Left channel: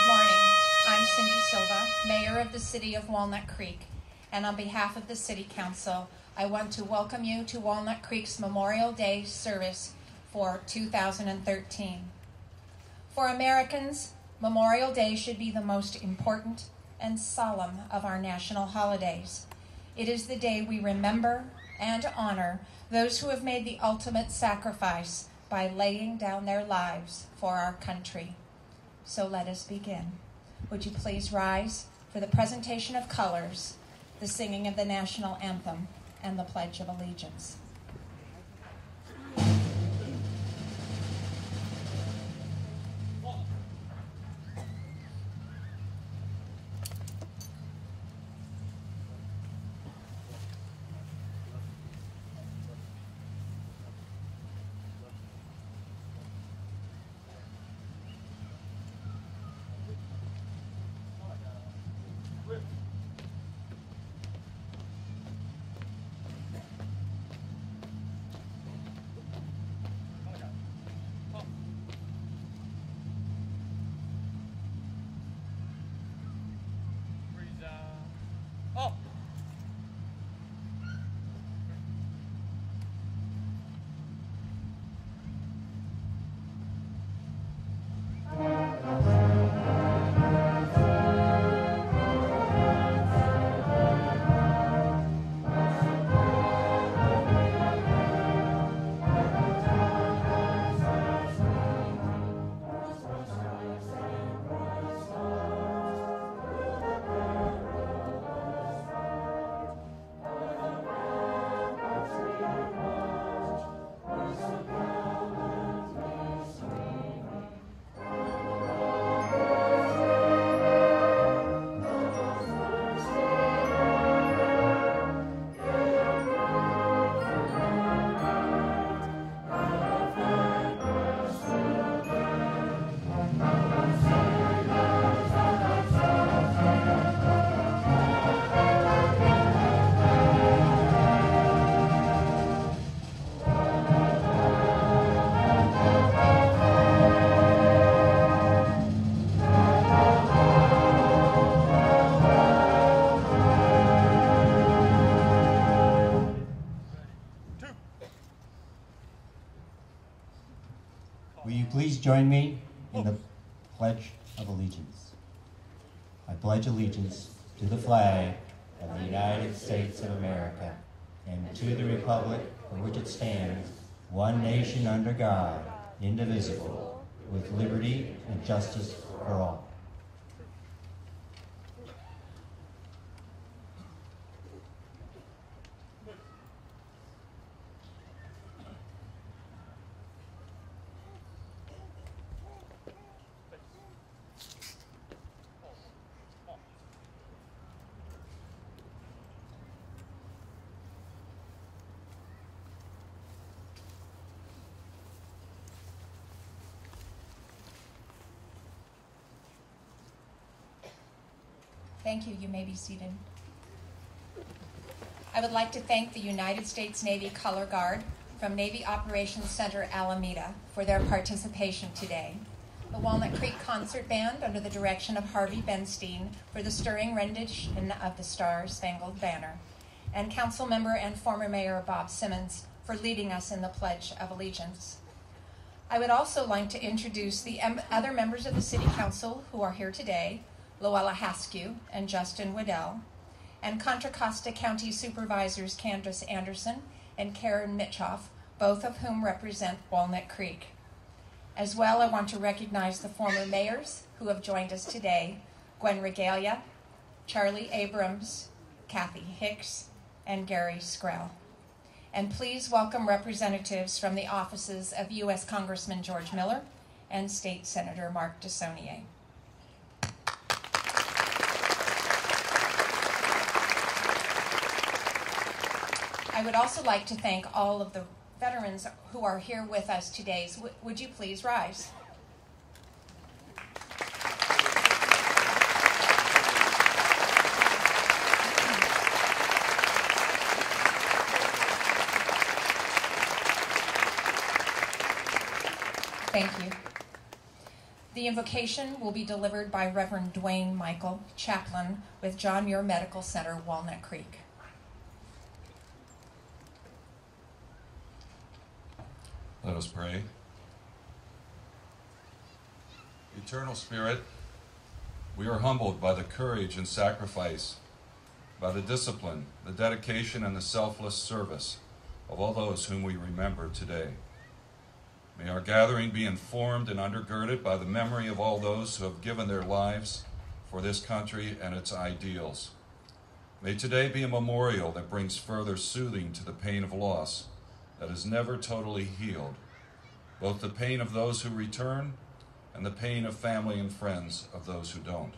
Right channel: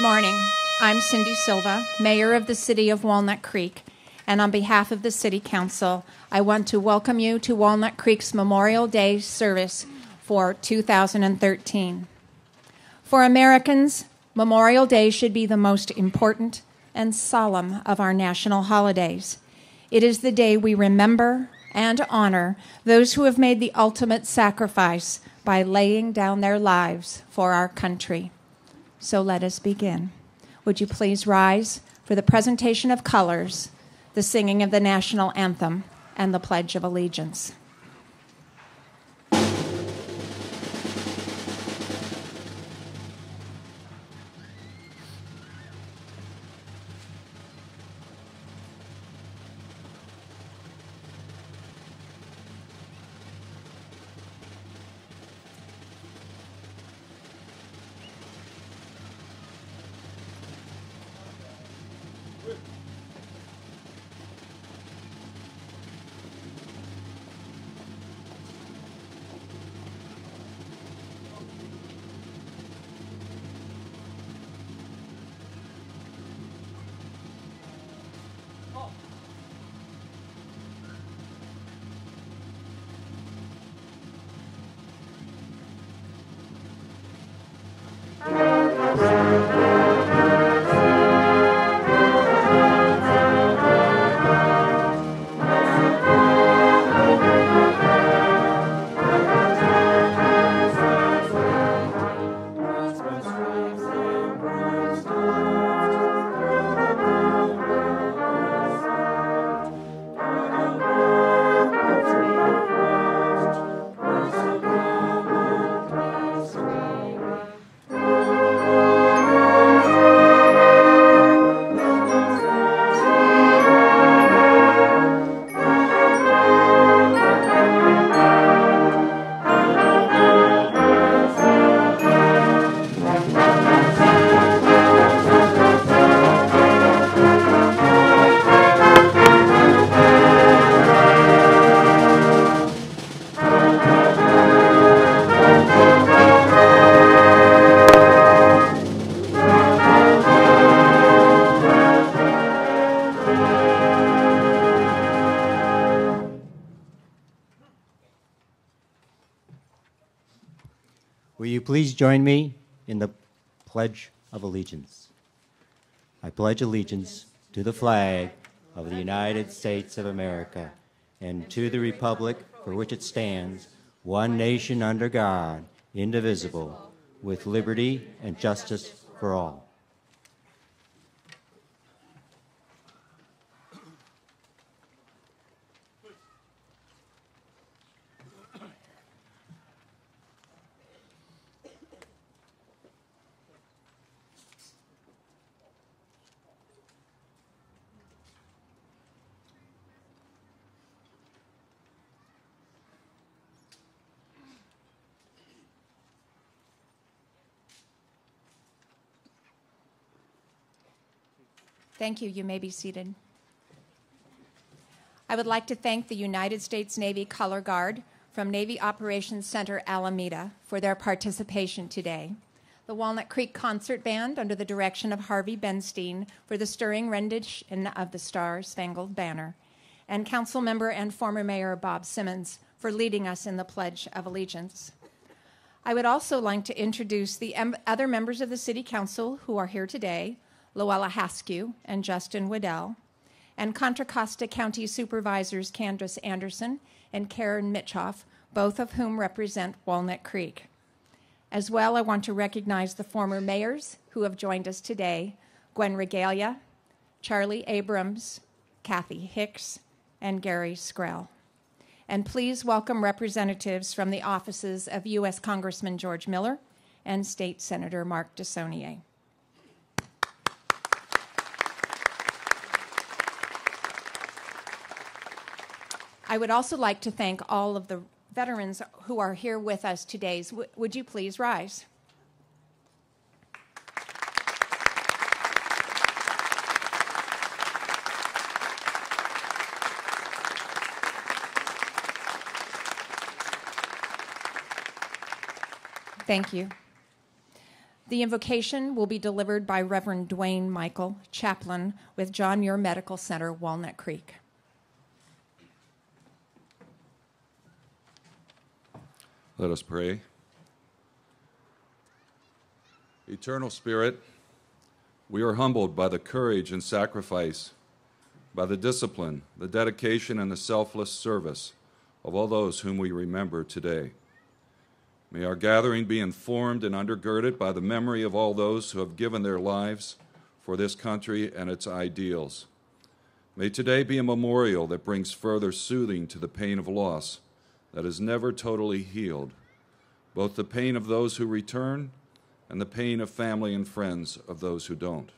Good morning. I'm Cindy Silva, Mayor of the City of Walnut Creek, and on behalf of the City Council, I want to welcome you to Walnut Creek's Memorial Day service for 2013. For Americans, Memorial Day should be the most important and solemn of our national holidays. It is the day we remember and honor those who have made the ultimate sacrifice by laying down their lives for our country. So let us begin. Would you please rise for the presentation of colors, the singing of the national anthem, and the Pledge of Allegiance. Will you please join me in the Pledge of Allegiance? I pledge allegiance to the flag of the United States of America and to the republic for which it stands, one nation under God, indivisible, with liberty and justice for all. Thank you. You may be seated. I would like to thank the United States Navy Color Guard from Navy Operations Center Alameda for their participation today, the Walnut Creek Concert Band under the direction of Harvey Benstein for the stirring rendition of the Star-Spangled Banner, and Council Member and former Mayor Bob Simmons for leading us in the Pledge of Allegiance. I would also like to introduce the other members of the City Council who are here today, Luella Haskew and Justin Waddell, and Contra Costa County Supervisors Candace Anderson and Karen Mitchoff, both of whom represent Walnut Creek. As well, I want to recognize the former mayors who have joined us today, Gwen Regalia, Charlie Abrams, Kathy Hicks, and Gary Skrell. And please welcome representatives from the offices of U.S. Congressman George Miller and State Senator Mark DeSaulnier. I would also like to thank all of the veterans who are here with us today. So would you please rise? Thank you. The invocation will be delivered by Reverend Dwayne Michael, chaplain with John Muir Medical Center, Walnut Creek. Let us pray. Eternal Spirit, we are humbled by the courage and sacrifice, by the discipline, the dedication, and the selfless service of all those whom we remember today. May our gathering be informed and undergirded by the memory of all those who have given their lives for this country and its ideals. May today be a memorial that brings further soothing to the pain of loss that is never totally healed, both the pain of those who return and the pain of family and friends of those who don't.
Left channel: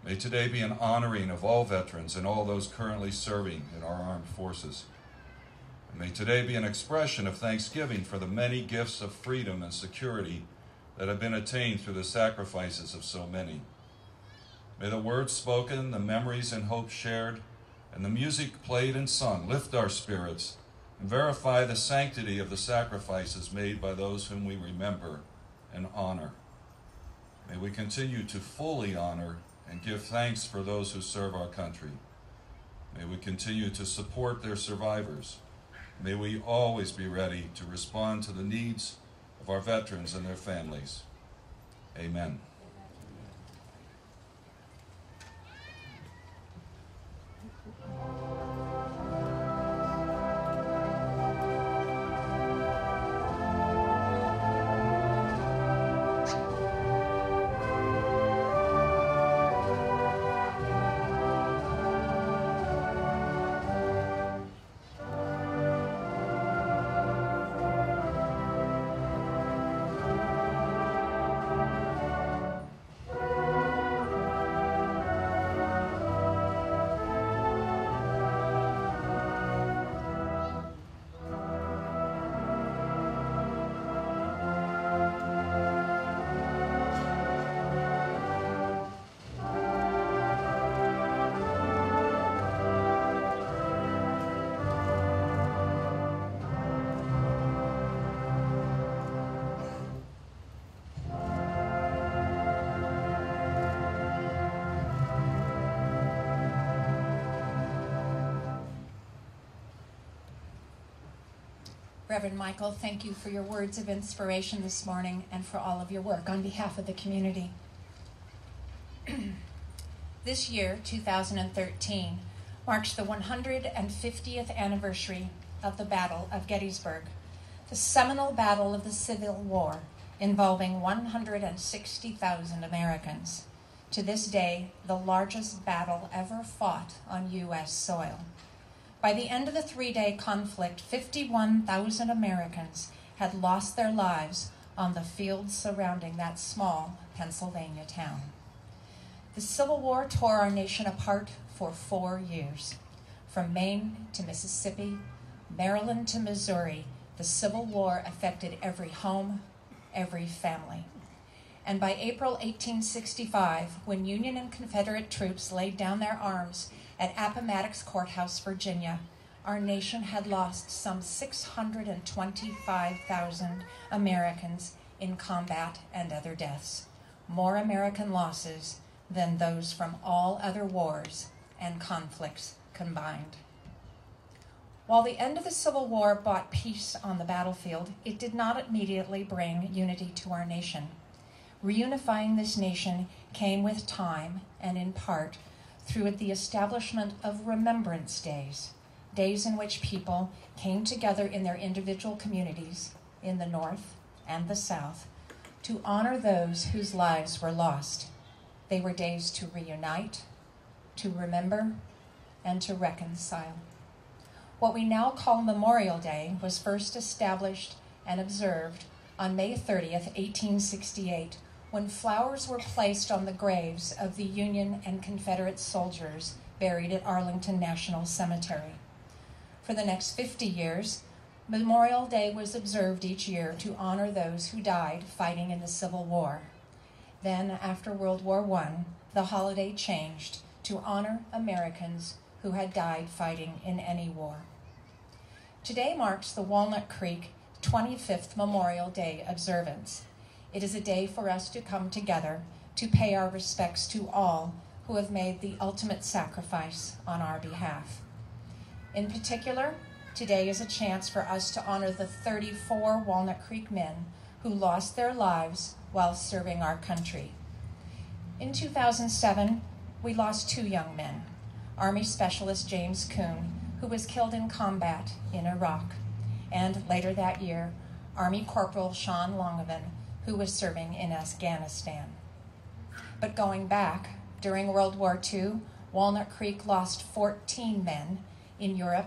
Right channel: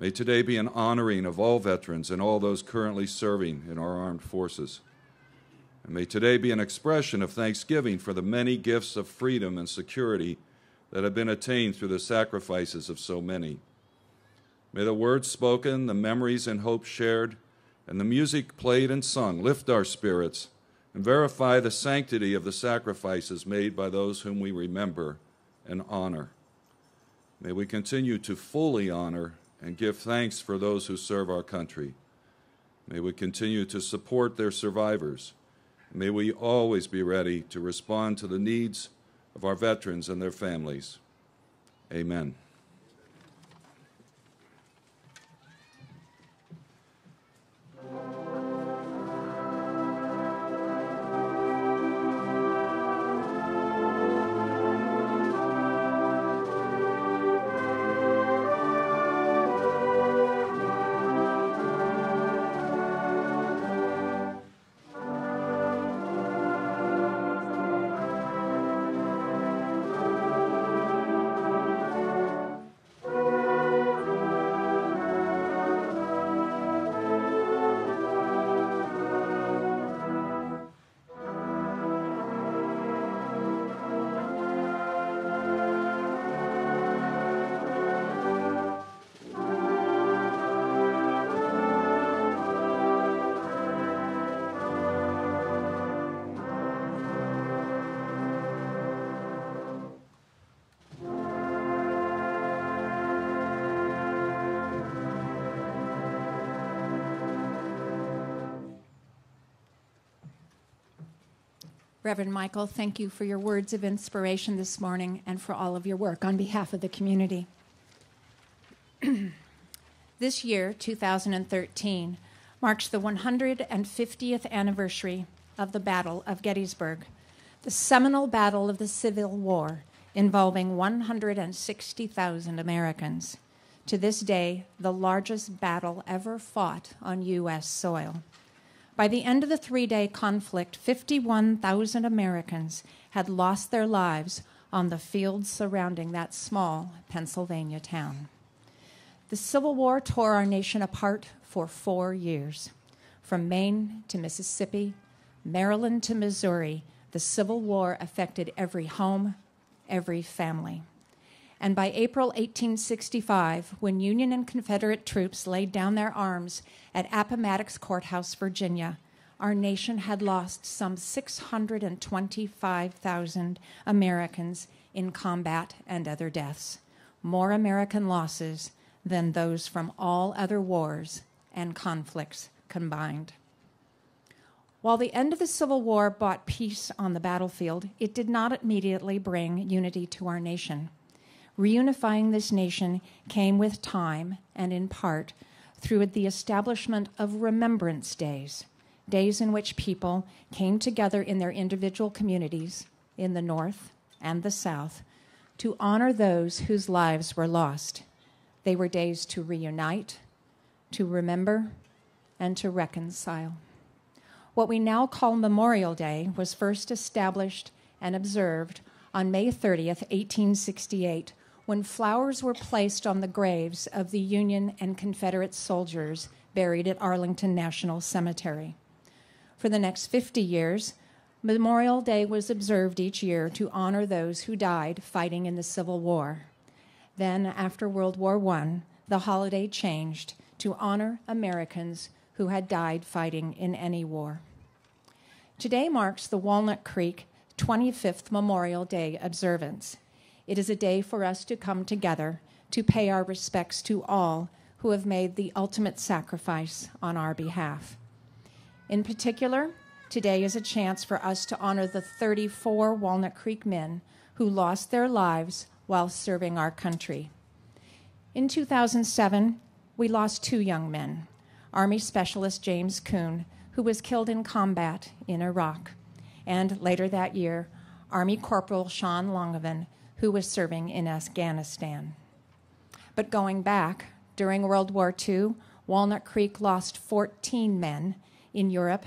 May today be an honoring of all veterans and all those currently serving in our armed forces. And may today be an expression of thanksgiving for the many gifts of freedom and security that have been attained through the sacrifices of so many. May the words spoken, the memories and hopes shared, and the music played and sung lift our spirits and verify the sanctity of the sacrifices made by those whom we remember and honor. May we continue to fully honor and give thanks for those who serve our country. May we continue to support their survivors. May we always be ready to respond to the needs of our veterans and their families. Amen. Reverend Michael, thank you for your words of inspiration this morning and for all of your work on behalf of the community. This year, 2013, marks the 150th anniversary of the Battle of Gettysburg, the seminal battle of the Civil War involving 160,000 Americans. To this day, the largest battle ever fought on U.S. soil. By the end of the three-day conflict, 51,000 Americans had lost their lives on the fields surrounding that small Pennsylvania town. The Civil War tore our nation apart for 4 years. From Maine to Mississippi, Maryland to Missouri, the Civil War affected every home, every family. And by April 1865, when Union and Confederate troops laid down their arms at Appomattox Courthouse, Virginia, our nation had lost some 625,000 Americans in combat and other deaths, more American losses than those from all other wars and conflicts combined. While the end of the Civil War brought peace on the battlefield, it did not immediately bring unity to our nation. Reunifying this nation came with time and in part through the establishment of Remembrance Days, days in which people came together in their individual communities in the North and the South to honor those whose lives were lost. They were days to reunite, to remember, and to reconcile. What we now call Memorial Day was first established and observed on May 30th, 1868, when flowers were placed on the graves of the Union and Confederate soldiers buried at Arlington National Cemetery. For the next 50 years, Memorial Day was observed each year to honor those who died fighting in the Civil War. Then, after World War I, the holiday changed to honor Americans who had died fighting in any war. Today marks the Walnut Creek 25th Memorial Day observance. It is a day for us to come together to pay our respects to all who have made the ultimate sacrifice on our behalf. In particular, today is a chance for us to honor the 34 Walnut Creek men who lost their lives while serving our country. In 2007, we lost 2 young men, Army Specialist James Kuhn, who was killed in combat in Iraq, and later that year, Army Corporal Sean Longovan, who was serving in Afghanistan. But going back, during World War II, Walnut Creek lost 14 men in Europe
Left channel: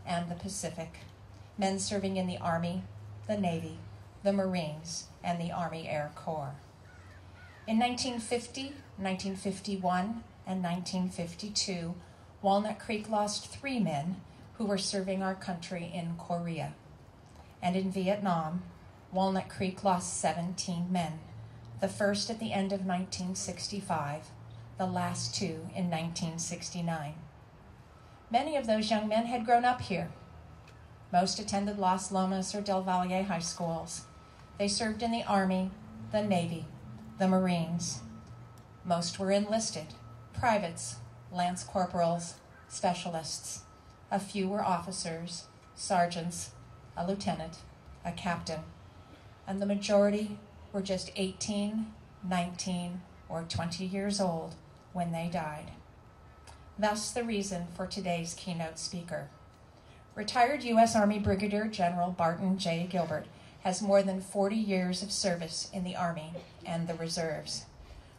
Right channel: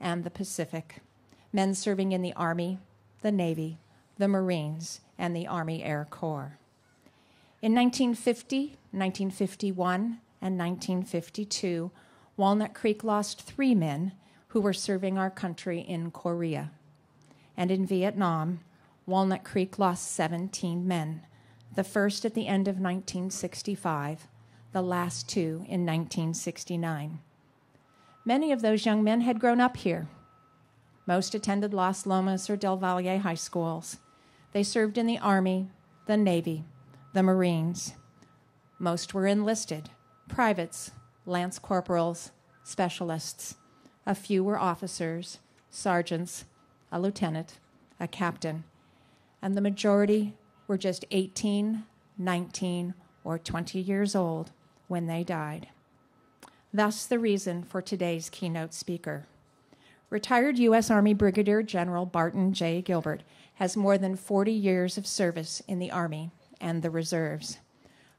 and the Pacific, men serving in the Army, the Navy, the Marines, and the Army Air Corps. In 1950, 1951, and 1952, Walnut Creek lost 3 men who were serving our country in Korea. And in Vietnam, Walnut Creek lost 17 men, the first at the end of 1965, the last 2 in 1969. Many of those young men had grown up here. Most attended Las Lomas or Del Valle high schools. They served in the Army, the Navy, the Marines. Most were enlisted, privates, lance corporals, specialists. A few were officers, sergeants, a lieutenant, a captain, and the majority were just 18, 19, or 20 years old when they died. Thus the reason for today's keynote speaker. Retired U.S. Army Brigadier General Barton J. Gilbert has more than 40 years of service in the Army and the reserves.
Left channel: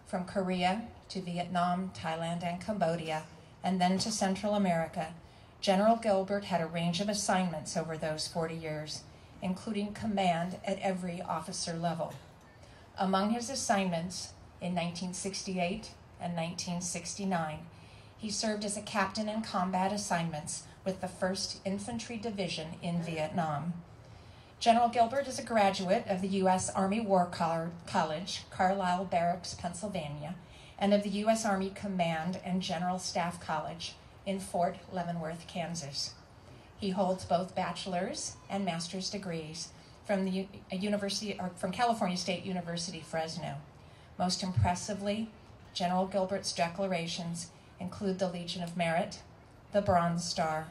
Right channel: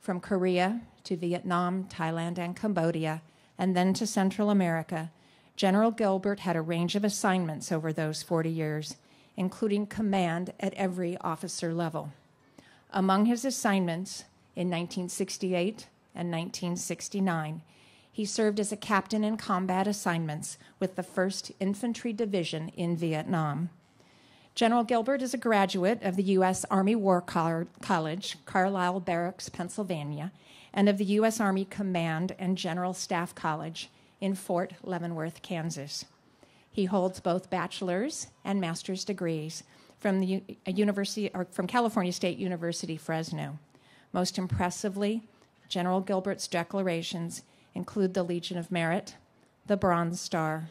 From Korea to Vietnam, Thailand, and Cambodia, and then to Central America, General Gilbert had a range of assignments over those 40 years, including command at every officer level. Among his assignments in 1968 and 1969, he served as a captain in combat assignments with the 1st Infantry Division in Vietnam. General Gilbert is a graduate of the U.S. Army War College, Carlisle Barracks, Pennsylvania, and of the U.S. Army Command and General Staff College in Fort Leavenworth, Kansas. He holds both bachelor's and master's degrees from from California State University, Fresno. Most impressively, General Gilbert's declarations include the Legion of Merit, the Bronze Star,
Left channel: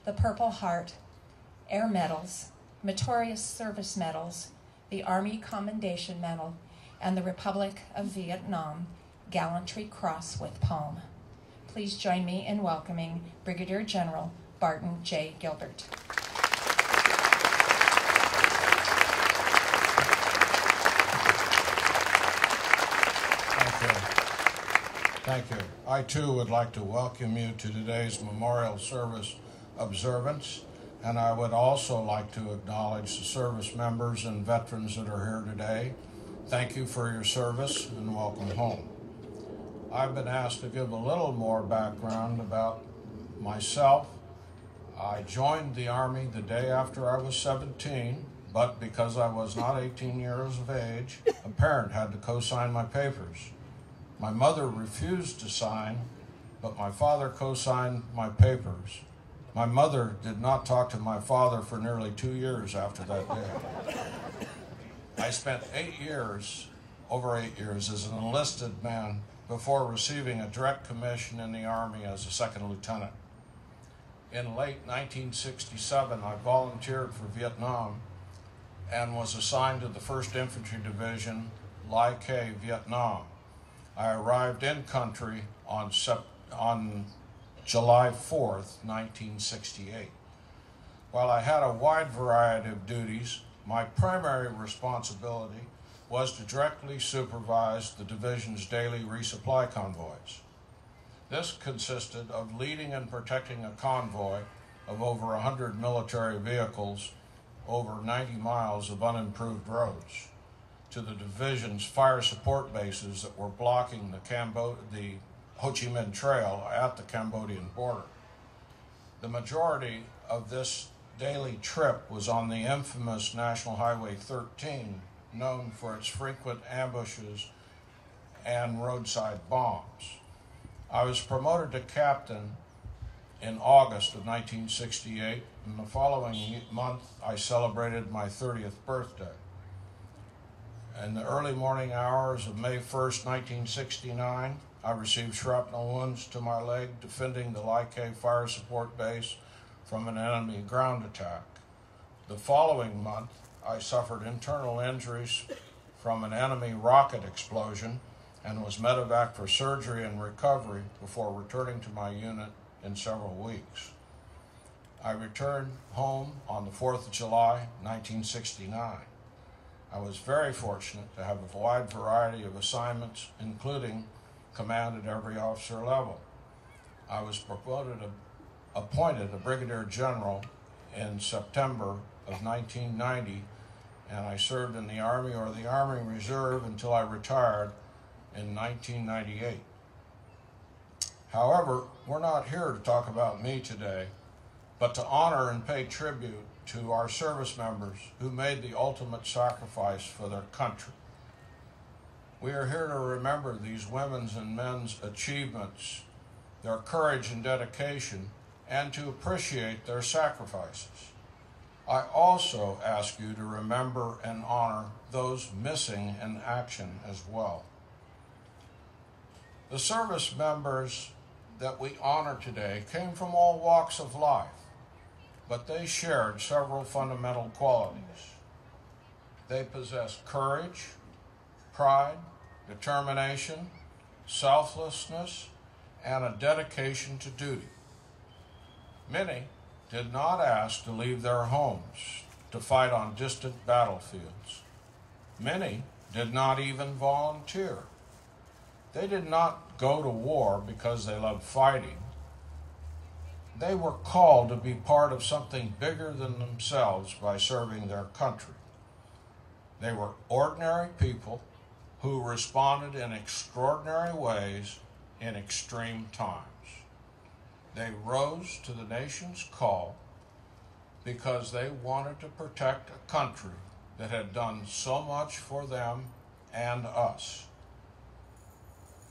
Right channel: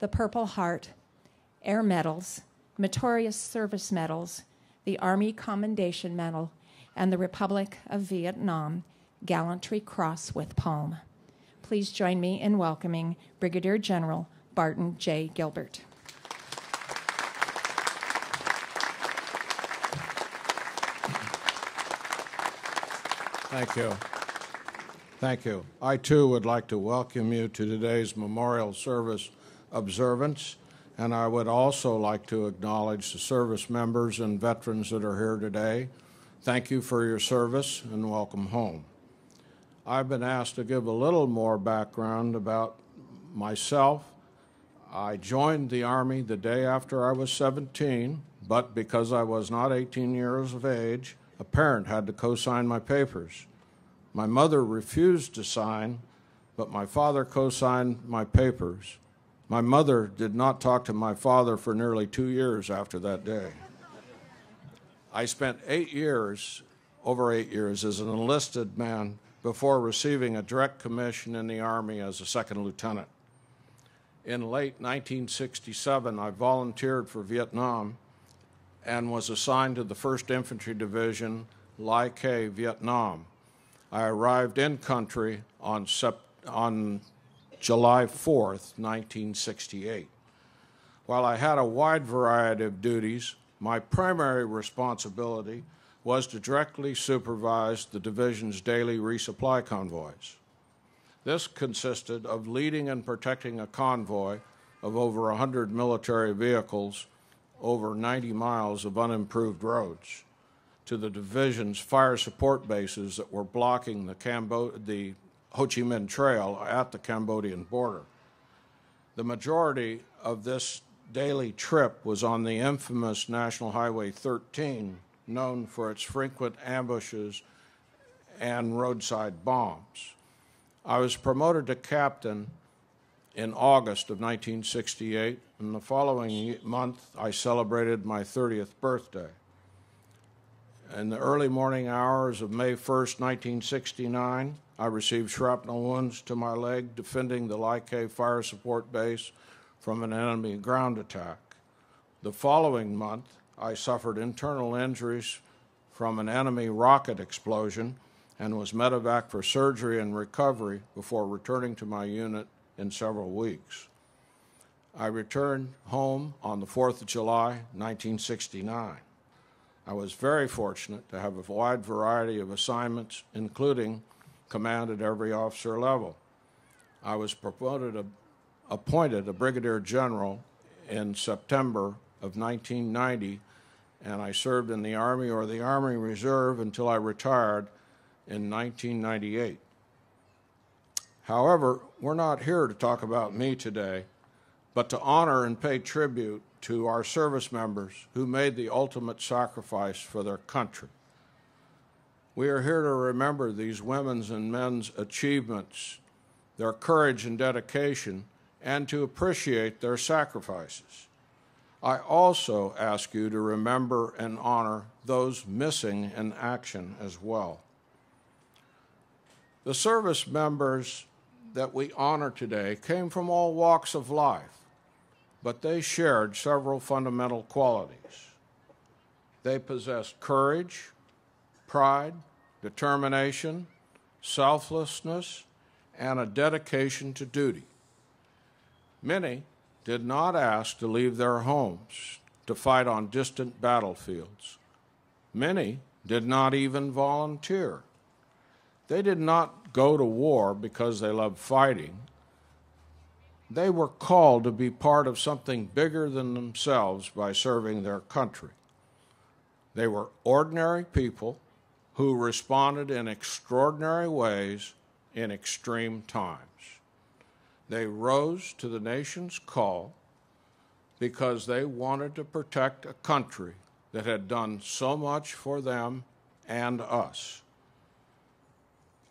the Purple Heart, Air Medals, Meritorious Service Medals, the Army Commendation Medal, and the Republic of Vietnam Gallantry Cross with Palm. Please join me in welcoming Brigadier General Barton J. Gilbert. Thank you. Thank you. I, too, would like to welcome you to today's memorial service observance, and I would also like to acknowledge the service members and veterans that are here today. Thank you for your service, and welcome home. I've been asked to give a little more background about myself. I joined the Army the day after I was 17, but because I was not 18 years of age, a parent had to co-sign my papers. My mother refused to sign, but my father co-signed my papers. My mother did not talk to my father for nearly 2 years after that day. I spent over 8 years as an enlisted man before receiving a direct commission in the Army as a second lieutenant. In late 1967, I volunteered for Vietnam and was assigned to the 1st Infantry Division, Lai Khe, Vietnam. I arrived in country on July 4th, 1968. While I had a wide variety of duties, my primary responsibility was to directly supervise the division's daily resupply convoys. This consisted of leading and protecting a convoy of over 100 military vehicles over 90 miles of unimproved roads to the division's fire support bases that were blocking the Ho Chi Minh Trail at the Cambodian border. The majority of this daily trip was on the infamous National Highway 13, known for its frequent ambushes and roadside bombs. I was promoted to captain in August of 1968, and the following month I celebrated my 30th birthday. In the early morning hours of May 1st, 1969, I received shrapnel wounds to my leg defending the Like Fire Support Base from an enemy ground attack. The following month, I suffered internal injuries from an enemy rocket explosion and was medevac for surgery and recovery before returning to my unit in several weeks. I returned home on the 4th of July, 1969. I was very fortunate to have a wide variety of assignments, including command at every officer level. I was appointed a Brigadier General in September of 1990, and I served in the Army or the Army Reserve until I retired in 1998. However, we're not here to talk about me today, but to honor and pay tribute to our service members who made the ultimate sacrifice for their country. We are here to remember these women's and men's achievements, their courage and dedication, and to appreciate their sacrifices. I also ask you to remember and honor those missing in action as well. The service members that we honor today came from all walks of life, but they shared several fundamental qualities. They possessed courage, pride, determination, selflessness, and a dedication to duty. Many did not ask to leave their homes to fight on distant battlefields. Many did not even volunteer. They did not go to war because they loved fighting. They were called to be part of something bigger than themselves by serving their country. They were ordinary people who responded in extraordinary ways in extreme times. They rose to the nation's call because they wanted to protect a country that had done so much for them and us.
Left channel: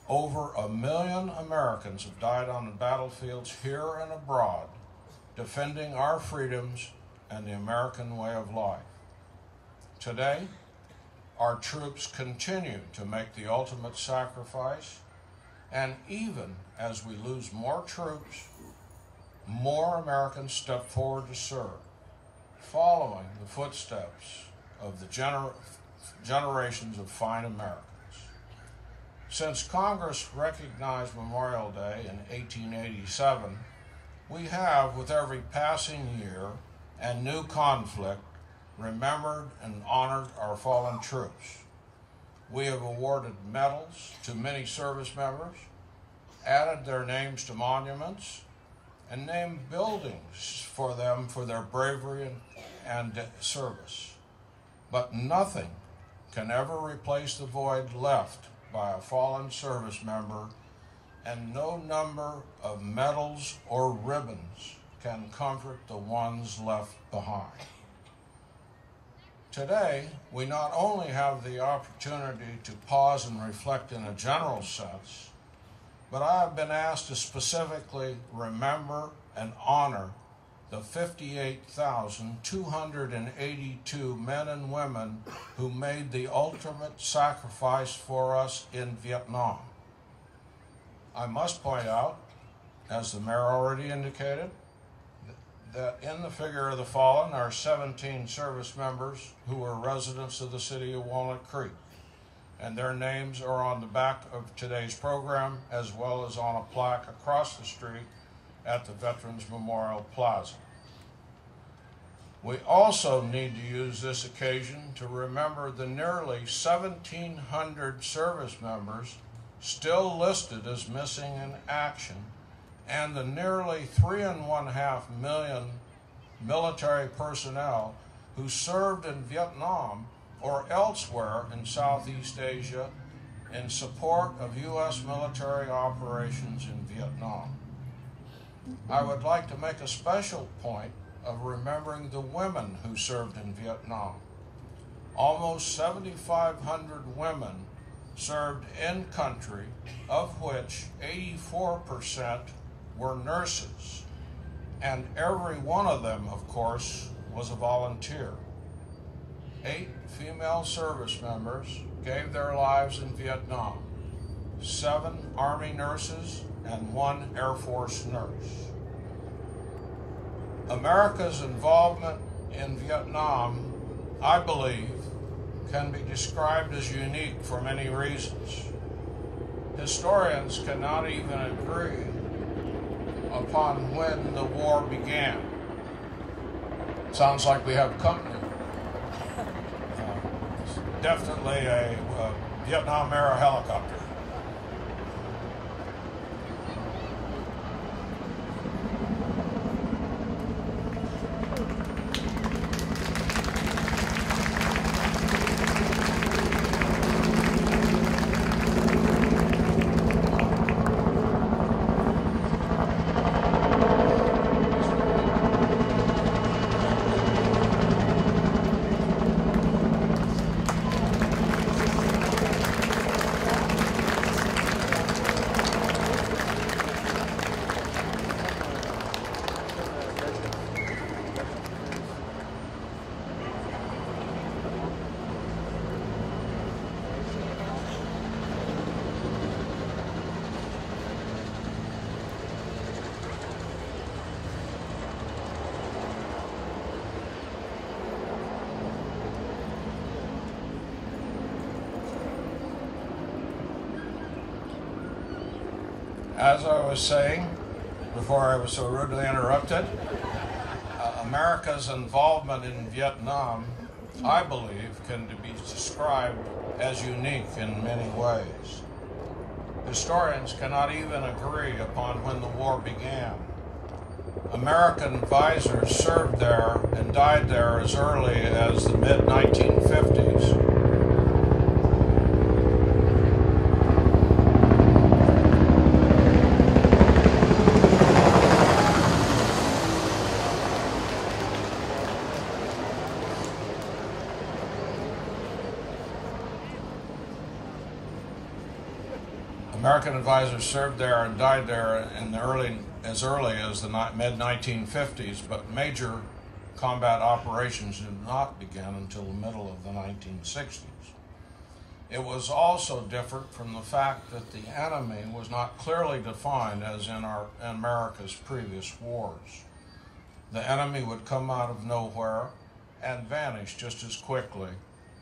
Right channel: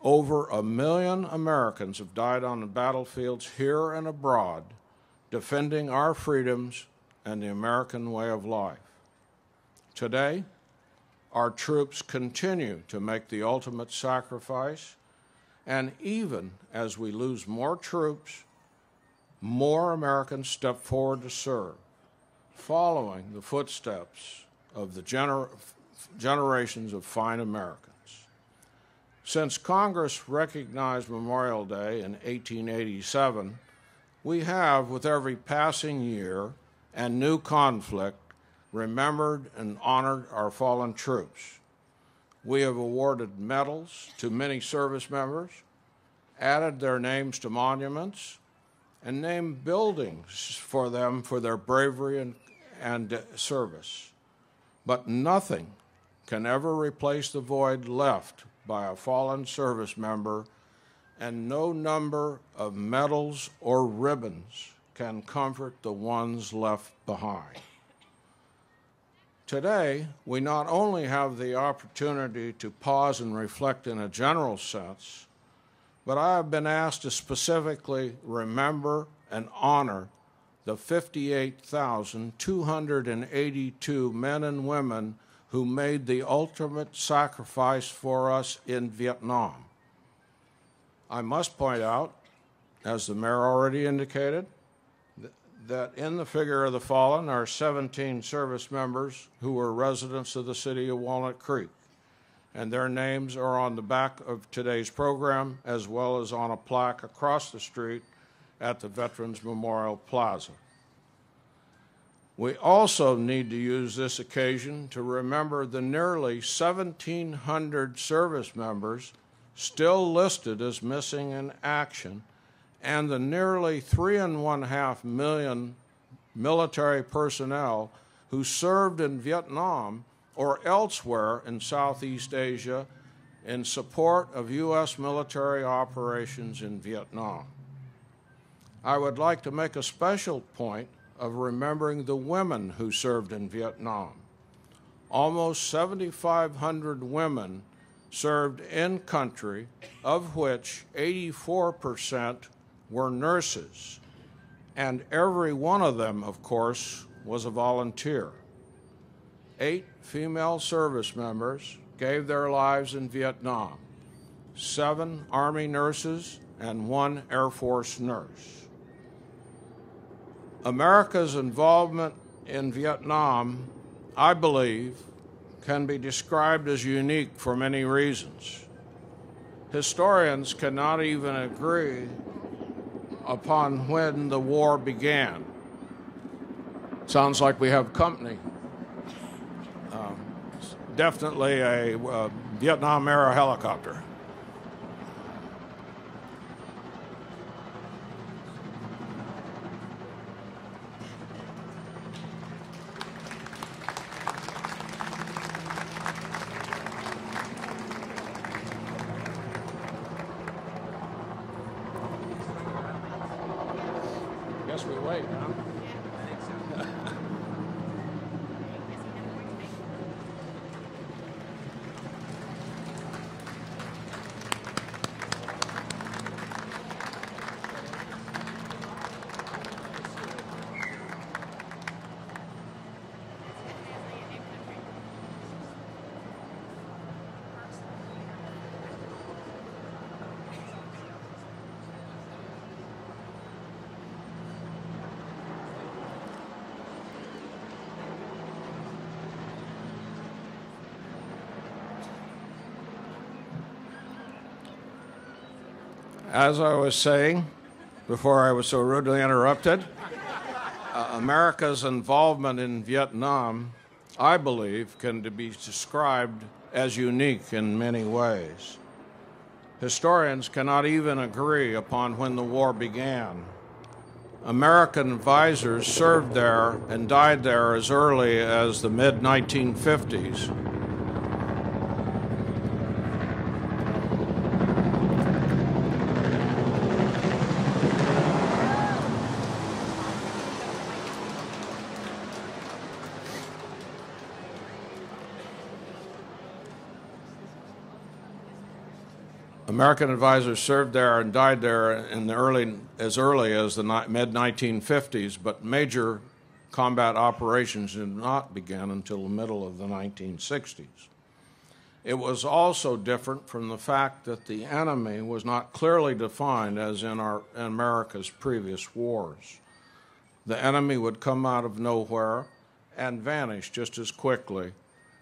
Over 1 million Americans have died on the battlefields here and abroad, defending our freedoms and the American way of life. Today, our troops continue to make the ultimate sacrifice, and even as we lose more troops, more Americans step forward to serve, following the footsteps of the generations of fine Americans. Since Congress recognized Memorial Day in 1887, we have, with every passing year and new conflict, remembered and honored our fallen troops. We have awarded medals to many service members, added their names to monuments, and named buildings for them for their bravery and service. But nothing can ever replace the void left by a fallen service member, and no number of medals or ribbons can comfort the ones left behind. Today, we not only have the opportunity to pause and reflect in a general sense, but I have been asked to specifically remember and honor the 58,282 men and women who made the ultimate sacrifice for us in Vietnam. I must point out, as the mayor already indicated, that in the figure of the fallen are 17 service members who were residents of the city of Walnut Creek, and their names are on the back of today's program, as well as on a plaque across the street at the Veterans Memorial Plaza. We also need to use this occasion to remember the nearly 1,700 service members still listed as missing in action, and the nearly 3.5 million military personnel who served in Vietnam or elsewhere in Southeast Asia in support of U.S. military operations in Vietnam. I would like to make a special point of remembering the women who served in Vietnam. Almost 7,500 women served in country, of which 84% were nurses, and every one of them, of course, was a volunteer. 8 female service members gave their lives in Vietnam, 7 Army nurses, and 1 Air Force nurse. America's involvement in Vietnam, I believe, can be described as unique for many reasons. Historians cannot even agree upon when the war began. Sounds like we have company. Definitely a Vietnam-era helicopter. As I was saying before I was so rudely interrupted, America's involvement in Vietnam, I believe, can be described as unique in many ways. Historians cannot even agree upon when the war began. American advisors served there and died there as early as the mid-1950s. American advisors served there and died there in as early as the mid-1950s, but major combat operations did not begin until the middle of the 1960s. It was also different from the fact that the enemy was not clearly defined as in America's previous wars. The enemy would come out of nowhere and vanish just as quickly.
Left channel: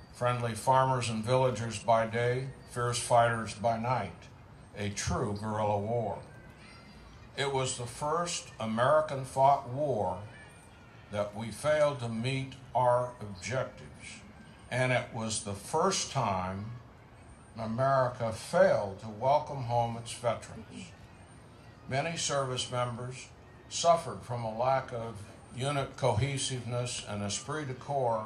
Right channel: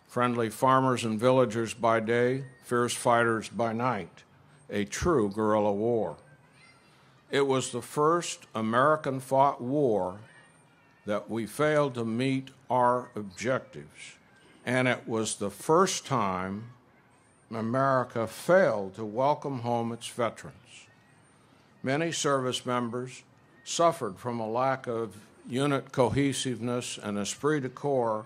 Friendly farmers and villagers by day, fierce fighters by night. A true guerrilla war. It was the first American-fought war that we failed to meet our objectives, and it was the first time America failed to welcome home its veterans. Many service members suffered from a lack of unit cohesiveness and esprit de corps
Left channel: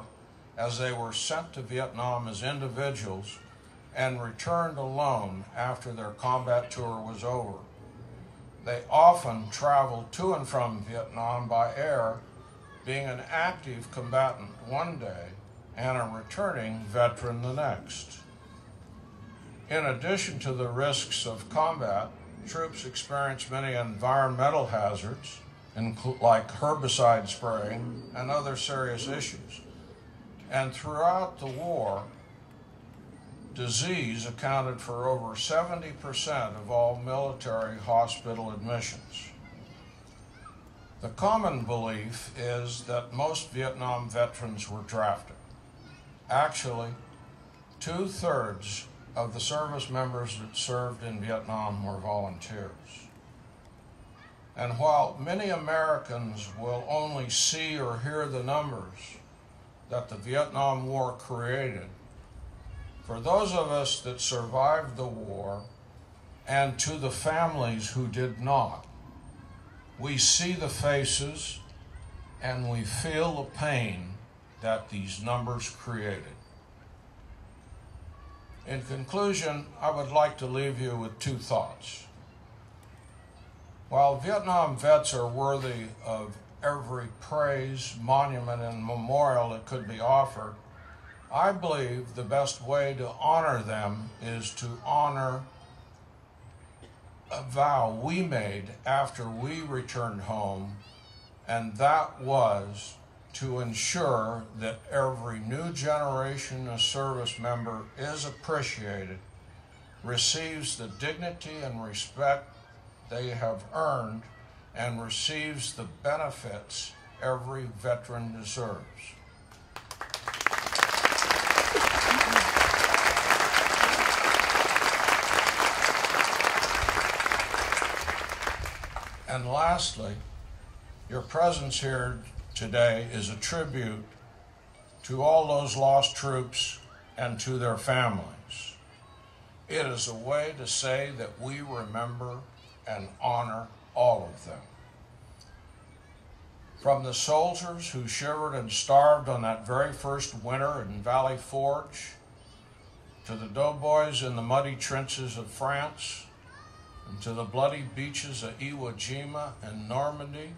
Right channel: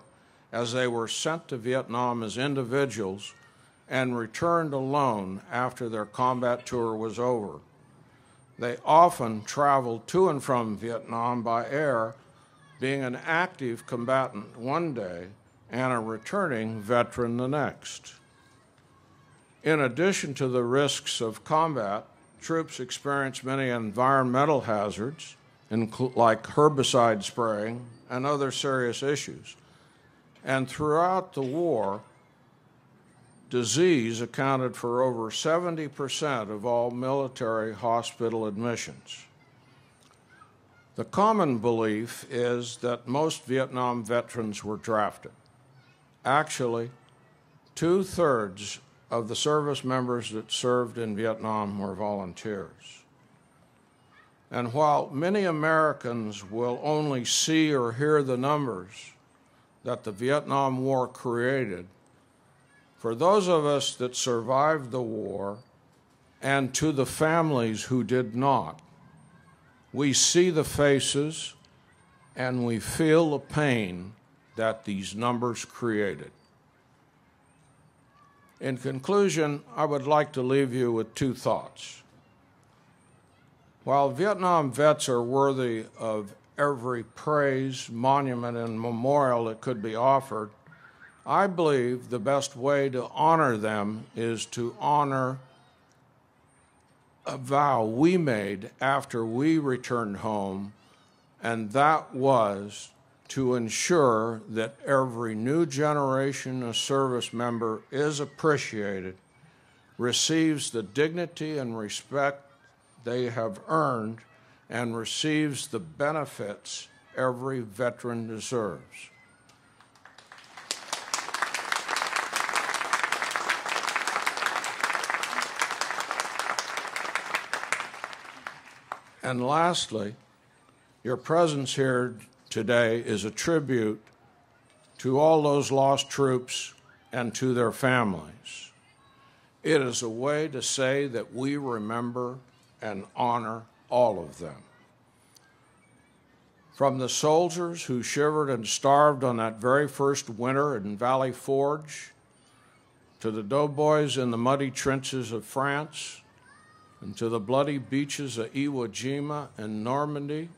as they were sent to Vietnam as individuals and returned alone after their combat tour was over. They often traveled to and from Vietnam by air, being an active combatant one day and a returning veteran the next. In addition to the risks of combat, troops experienced many environmental hazards, like herbicide spraying and other serious issues. And throughout the war, disease accounted for over 70% of all military hospital admissions. The common belief is that most Vietnam veterans were drafted. Actually, 2/3 of the service members that served in Vietnam were volunteers. And while many Americans will only see or hear the numbers that the Vietnam War created, for those of us that survived the war, and to the families who did not, we see the faces and we feel the pain that these numbers created. In conclusion, I would like to leave you with 2 thoughts. While Vietnam vets are worthy of every praise, monument, and memorial that could be offered, I believe the best way to honor them is to honor a vow we made after we returned home, and that was to ensure that every new generation of service member is appreciated, receives the dignity and respect they have earned, and receives the benefits every veteran deserves. And lastly, your presence here today is a tribute to all those lost troops and to their families. It is a way to say that we remember and honor all of them. From the soldiers who shivered and starved on that very first winter in Valley Forge, to the doughboys in the muddy trenches of France, and to the bloody beaches of Iwo Jima and Normandy,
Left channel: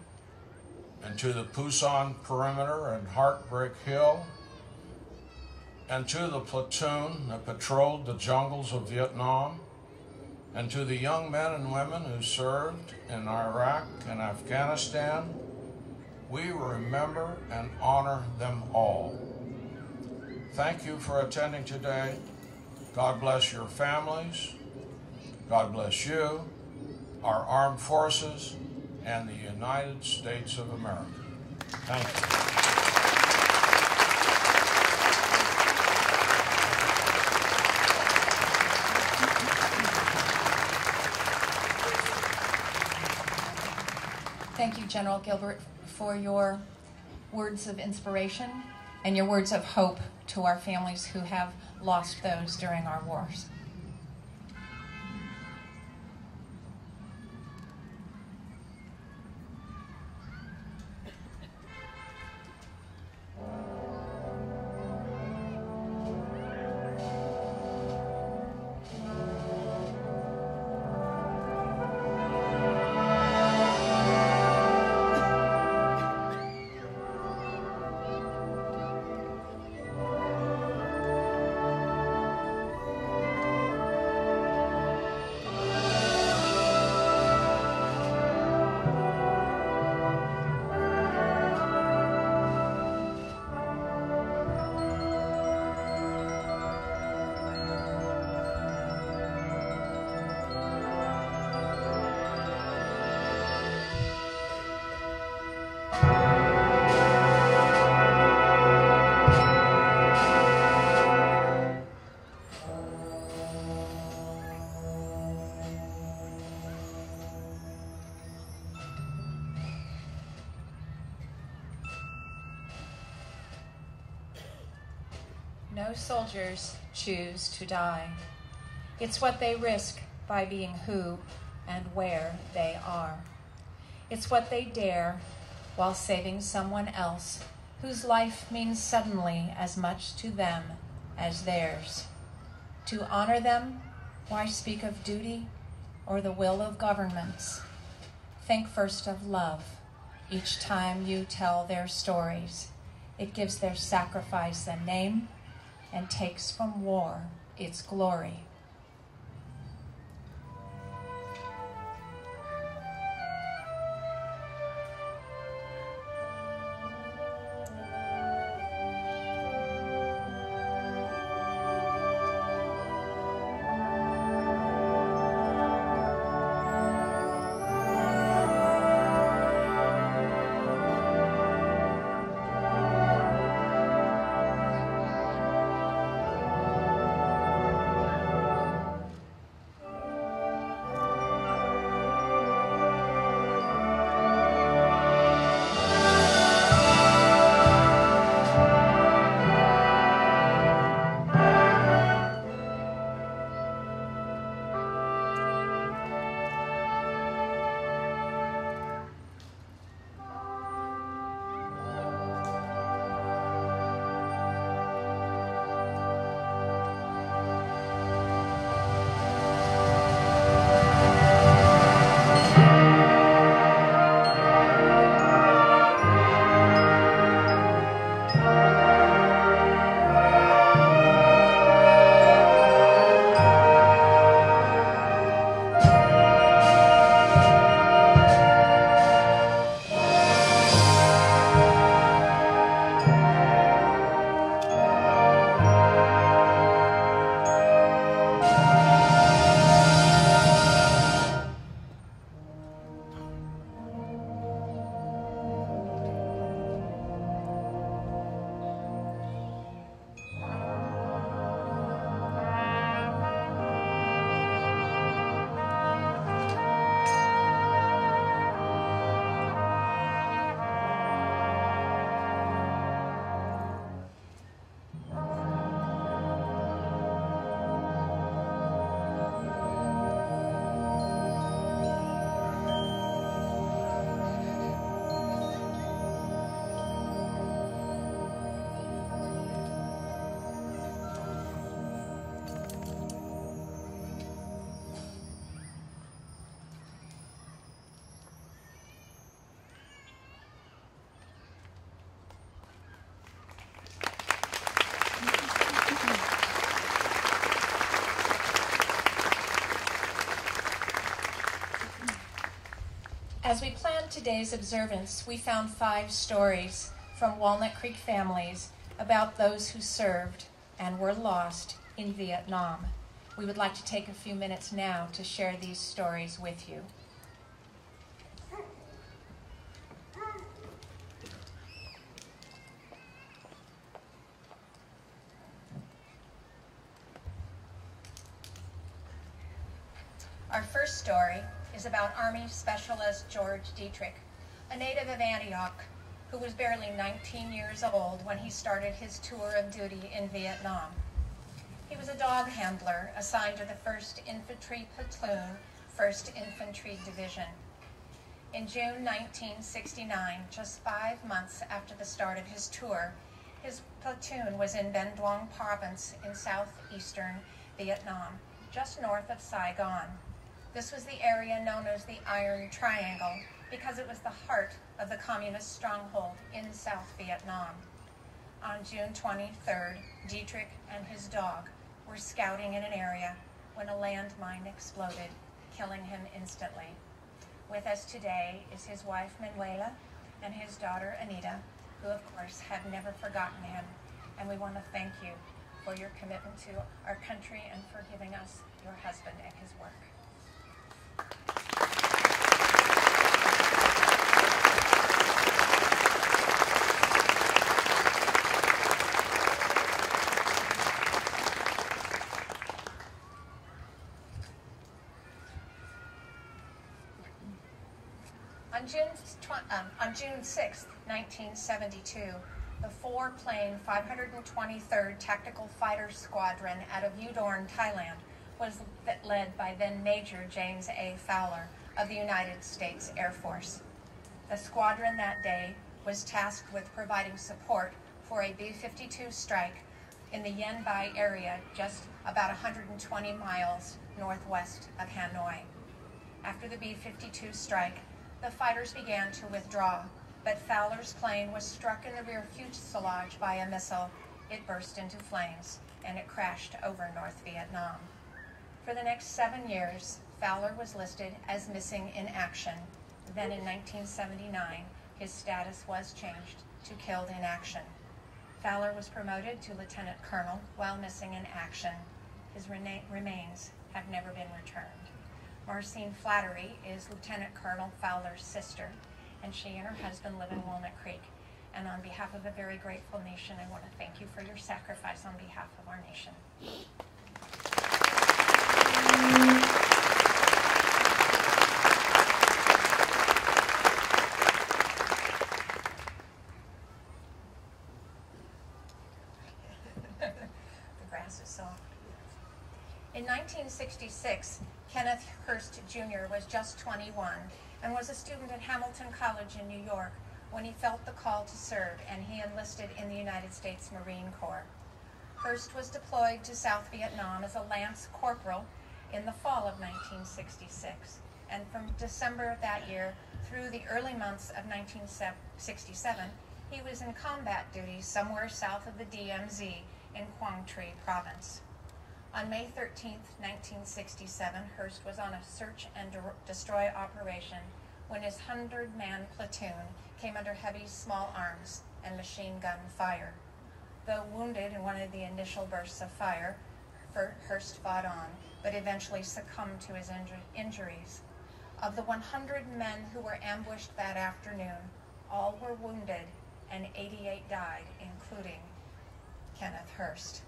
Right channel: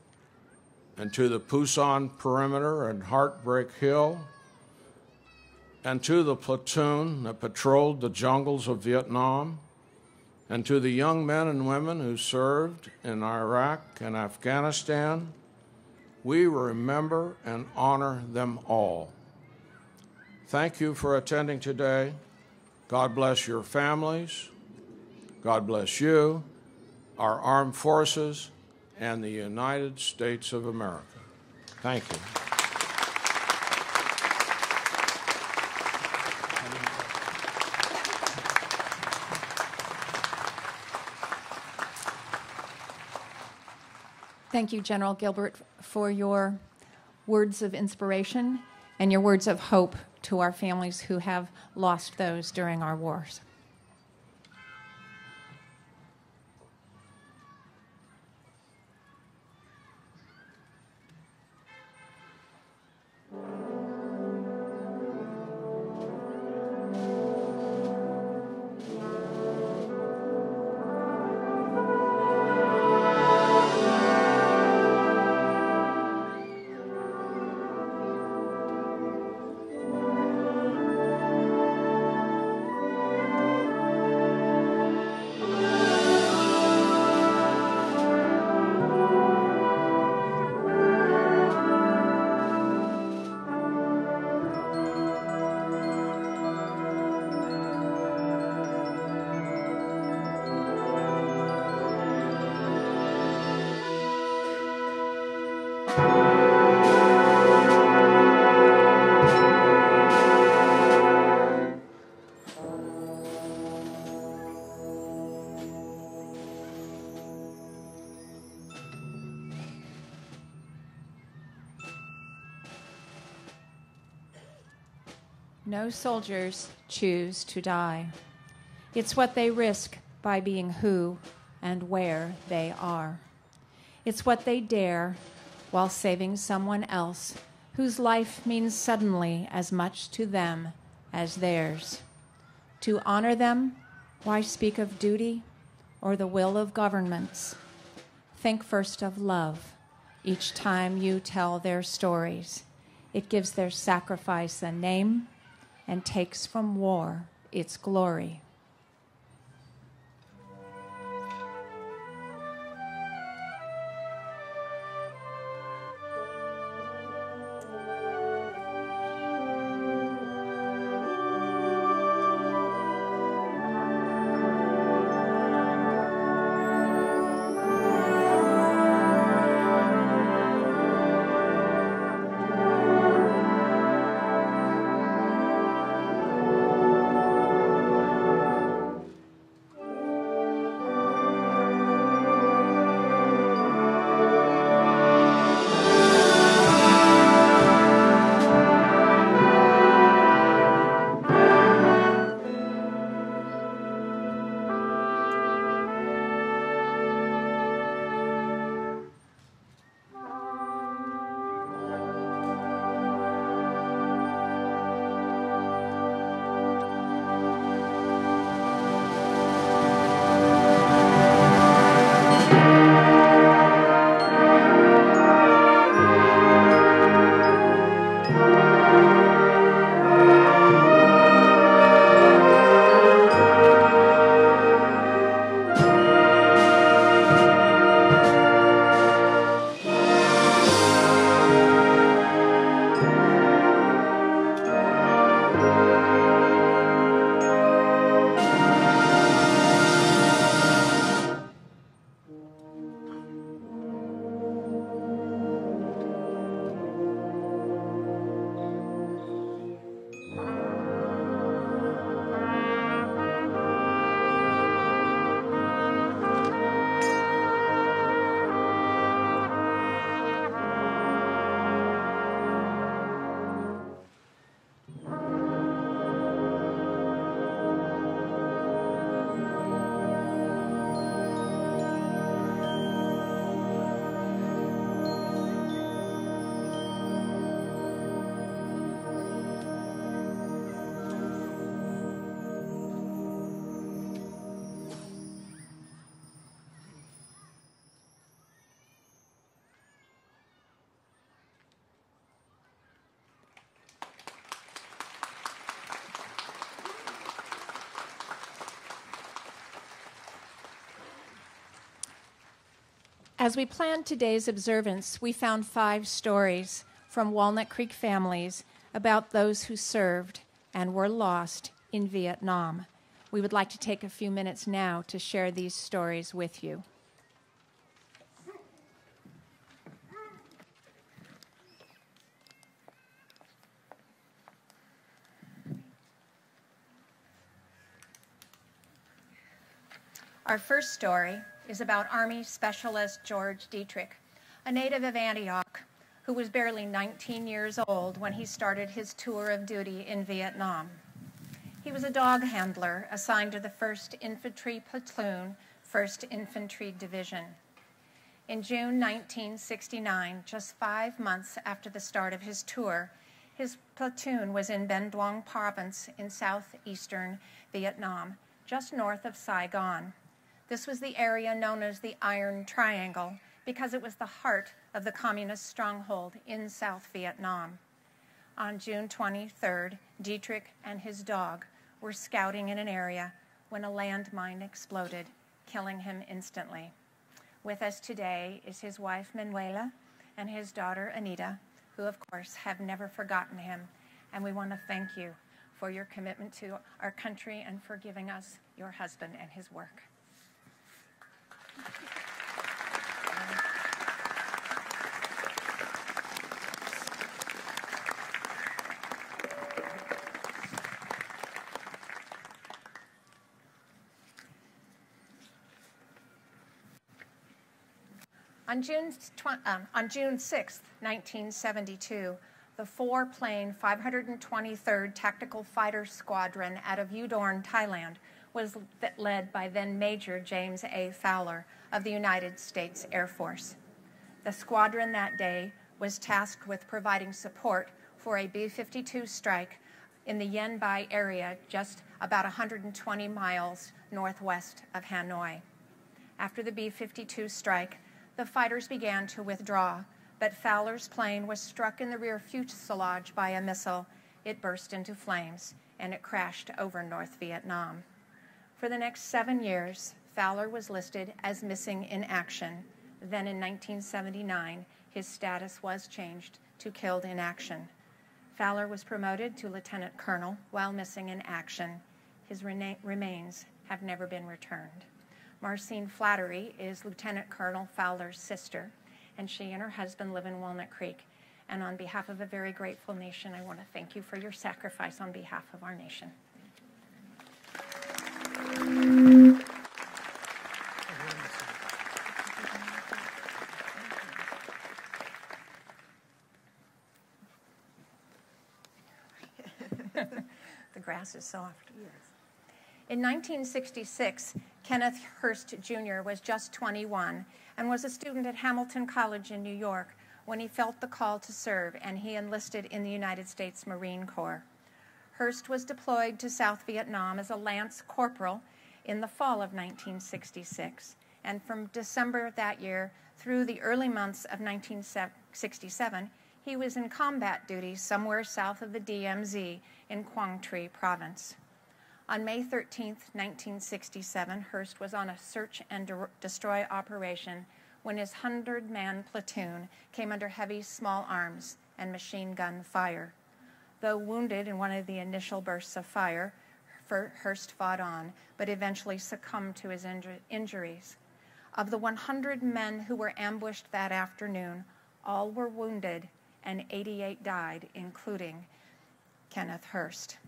and to the Pusan Perimeter and Heartbreak Hill, and to the platoon that patrolled the jungles of Vietnam, and to the young men and women who served in Iraq and Afghanistan, we remember and honor them all. Thank you for attending today. God bless your families. God bless you, our armed forces, and the United States of America. Thank you. Thank you, General Gilbert, for your words of inspiration and your words of hope to our families who have lost those during our wars. No soldiers choose to die. It's what they risk by being who and where they are. It's what they dare while saving someone else whose life means suddenly as much to them as theirs. To honor them, why speak of duty or the will of governments? Think first of love each time you tell their stories. It gives their sacrifice a name and takes from war its glory. As we planned today's observance, we found 5 stories from Walnut Creek families about those who served and were lost in Vietnam. We would like to take a few minutes now to share these stories with you. Our first story is about Army Specialist George Dietrich, a native of Antioch who was barely 19 years old when he started his tour of duty in Vietnam. He was a dog handler assigned to the 1st Infantry Platoon, 1st Infantry Division. In June 1969, just 5 months after the start of his tour, his platoon was in Binh Duong province in southeastern Vietnam, just north of Saigon. This was the area known as the Iron Triangle because it was the heart of the communist stronghold in South Vietnam. On June 23rd, Dietrich and his dog were scouting in an area when a landmine exploded, killing him instantly. With us today is his wife Manuela and his daughter Anita, who of course have never forgotten him, and we want to thank you for your commitment to our country and for giving us your husband and his work. On June 6, 1972, the 4-plane 523rd Tactical Fighter Squadron out of Udon, Thailand, was led by then Major James A. Fowler of the United States Air Force. The squadron that day was tasked with providing support for a B-52 strike in the Yen Bai area just about 120 miles northwest of Hanoi. After the B-52 strike, the fighters began to withdraw, but Fowler's plane was struck in the rear fuselage by a missile. It burst into flames, and it crashed over North Vietnam. For the next 7 years, Fowler was listed as missing in action. Then in 1979, his status was changed to killed in action. Fowler was promoted to lieutenant colonel while missing in action. His remains have never been returned. Marcine Flattery is Lieutenant Colonel Fowler's sister, and she and her husband live in Walnut Creek. And on behalf of a very grateful nation, I want to thank you for your sacrifice on behalf of our nation. The grass is soft. In 1966, Kenneth Hurst Jr. was just 21 and was a student at Hamilton College in New York when he felt the call to serve, and he enlisted in the United States Marine Corps. Hurst was deployed to South Vietnam as a lance corporal in the fall of 1966, and from December of that year through the early months of 1967, he was in combat duty somewhere south of the DMZ in Quang Tri Province. On May 13, 1967, Hurst was on a search and destroy operation when his 100-man platoon came under heavy small arms and machine gun fire. Though wounded in one of the initial bursts of fire, Hurst fought on, but eventually succumbed to his injuries. Of the 100 men who were ambushed that afternoon, all were wounded and 88 died, including Kenneth Hurst.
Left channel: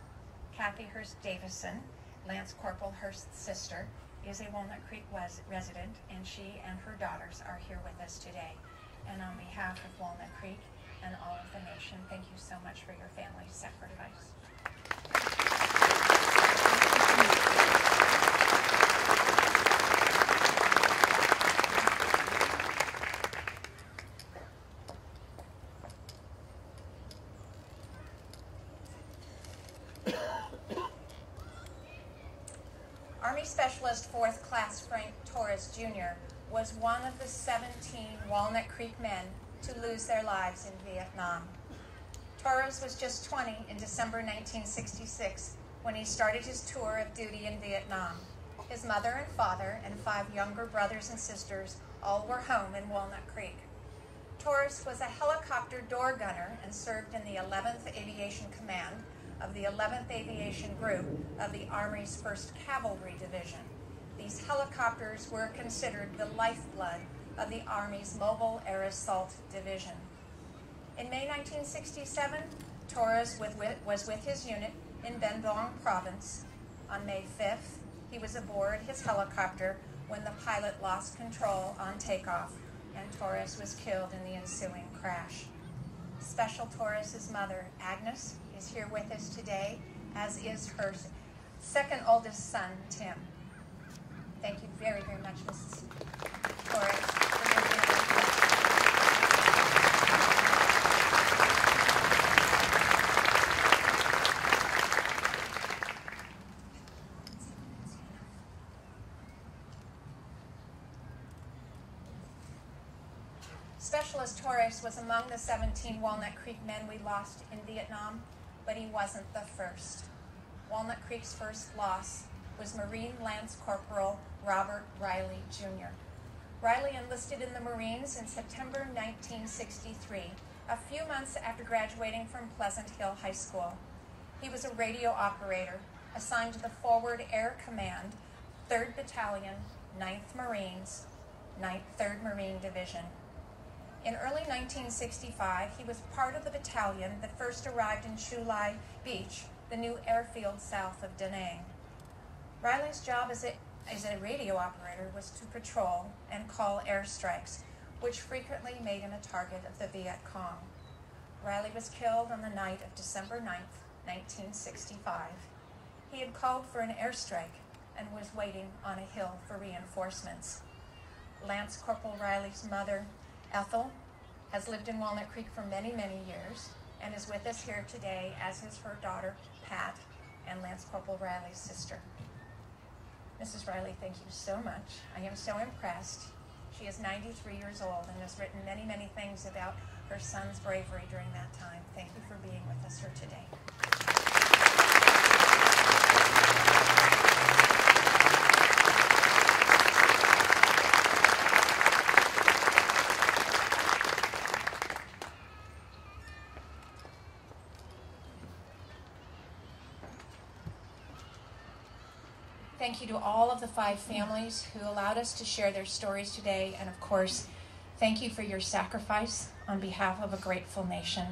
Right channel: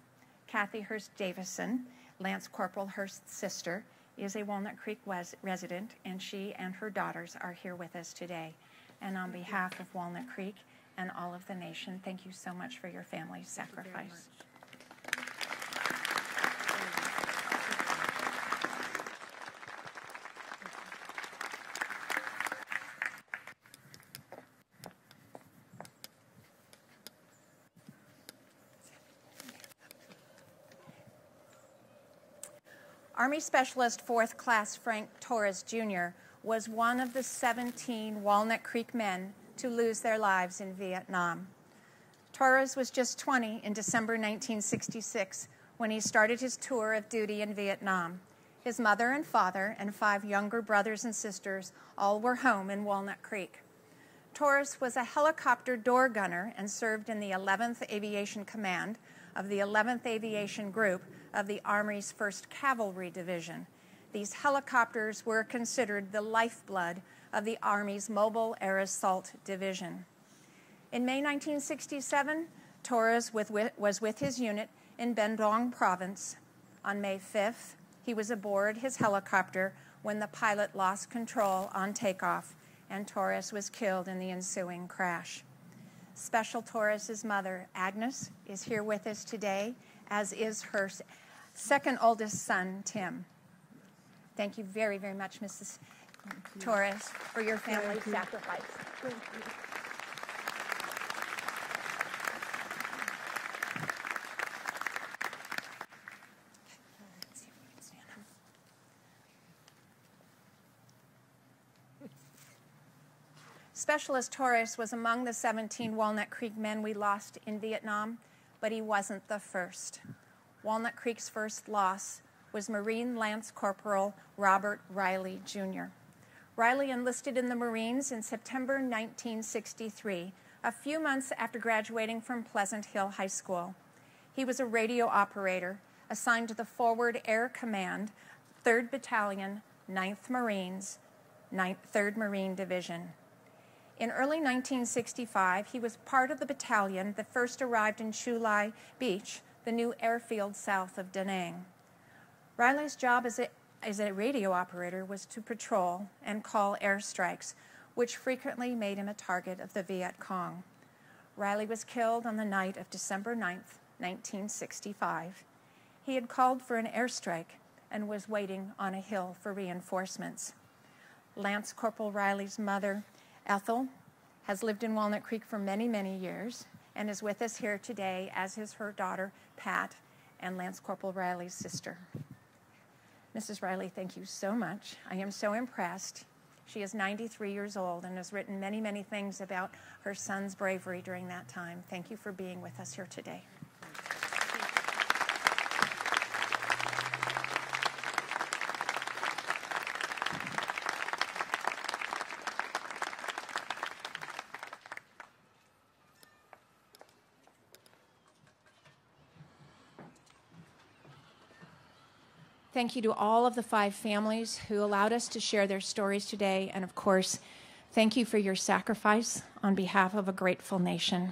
Kathy Hurst Davison, Lance Corporal Hurst's sister, is a Walnut Creek resident, and she and her daughters are here with us today. And on behalf of Walnut Creek and all of the nation, thank you so much for your family's sacrifice. Army Specialist 4th Class Frank Torres Jr. was one of the 17 Walnut Creek men to lose their lives in Vietnam. Torres was just 20 in December 1966 when he started his tour of duty in Vietnam. His mother and father and 5 younger brothers and sisters All were home in Walnut Creek. Torres was a helicopter door gunner and served in the 11th Aviation Command of the 11th Aviation Group of the Army's 1st Cavalry Division. These helicopters were considered the lifeblood of the Army's Mobile Air Assault Division. In May 1967, Torres was with his unit in Bandung Province. On May 5th, he was aboard his helicopter when the pilot lost control on takeoff, and Torres was killed in the ensuing crash. Special Torres' mother, Agnes, is here with us today, as is her second oldest son, Tim. Thank you very, very much, Mrs. Torres, for your generosity. Specialist Torres was among the 17 Walnut Creek men we lost in Vietnam, but he wasn't the first. Walnut Creek's first loss was Marine Lance Corporal Robert Riley, Jr. Riley enlisted in the Marines in September 1963, a few months after graduating from Pleasant Hill High School. He was a radio operator assigned to the Forward Air Command, 3rd Battalion, 9th Marines, 3rd Marine Division. In early 1965, he was part of the battalion that first arrived in Chu Lai Beach, the new airfield south of Da Nang. Riley's job as a radio operator was to patrol and call airstrikes, which frequently made him a target of the Viet Cong. Riley was killed on the night of December 9th, 1965. He had called for an airstrike and was waiting on a hill for reinforcements. Lance Corporal Riley's mother, Ethel, has lived in Walnut Creek for many, many years and is with us here today, as is her daughter, Pat, and Lance Corporal Riley's sister. Mrs. Riley, thank you so much. I am so impressed. She is 93 years old and has written many, many things about her son's bravery during that time. Thank you for being with us here today. Thank you to all of the 5 families who allowed us to share their stories today, and of course, thank you for your sacrifice on behalf of a grateful nation.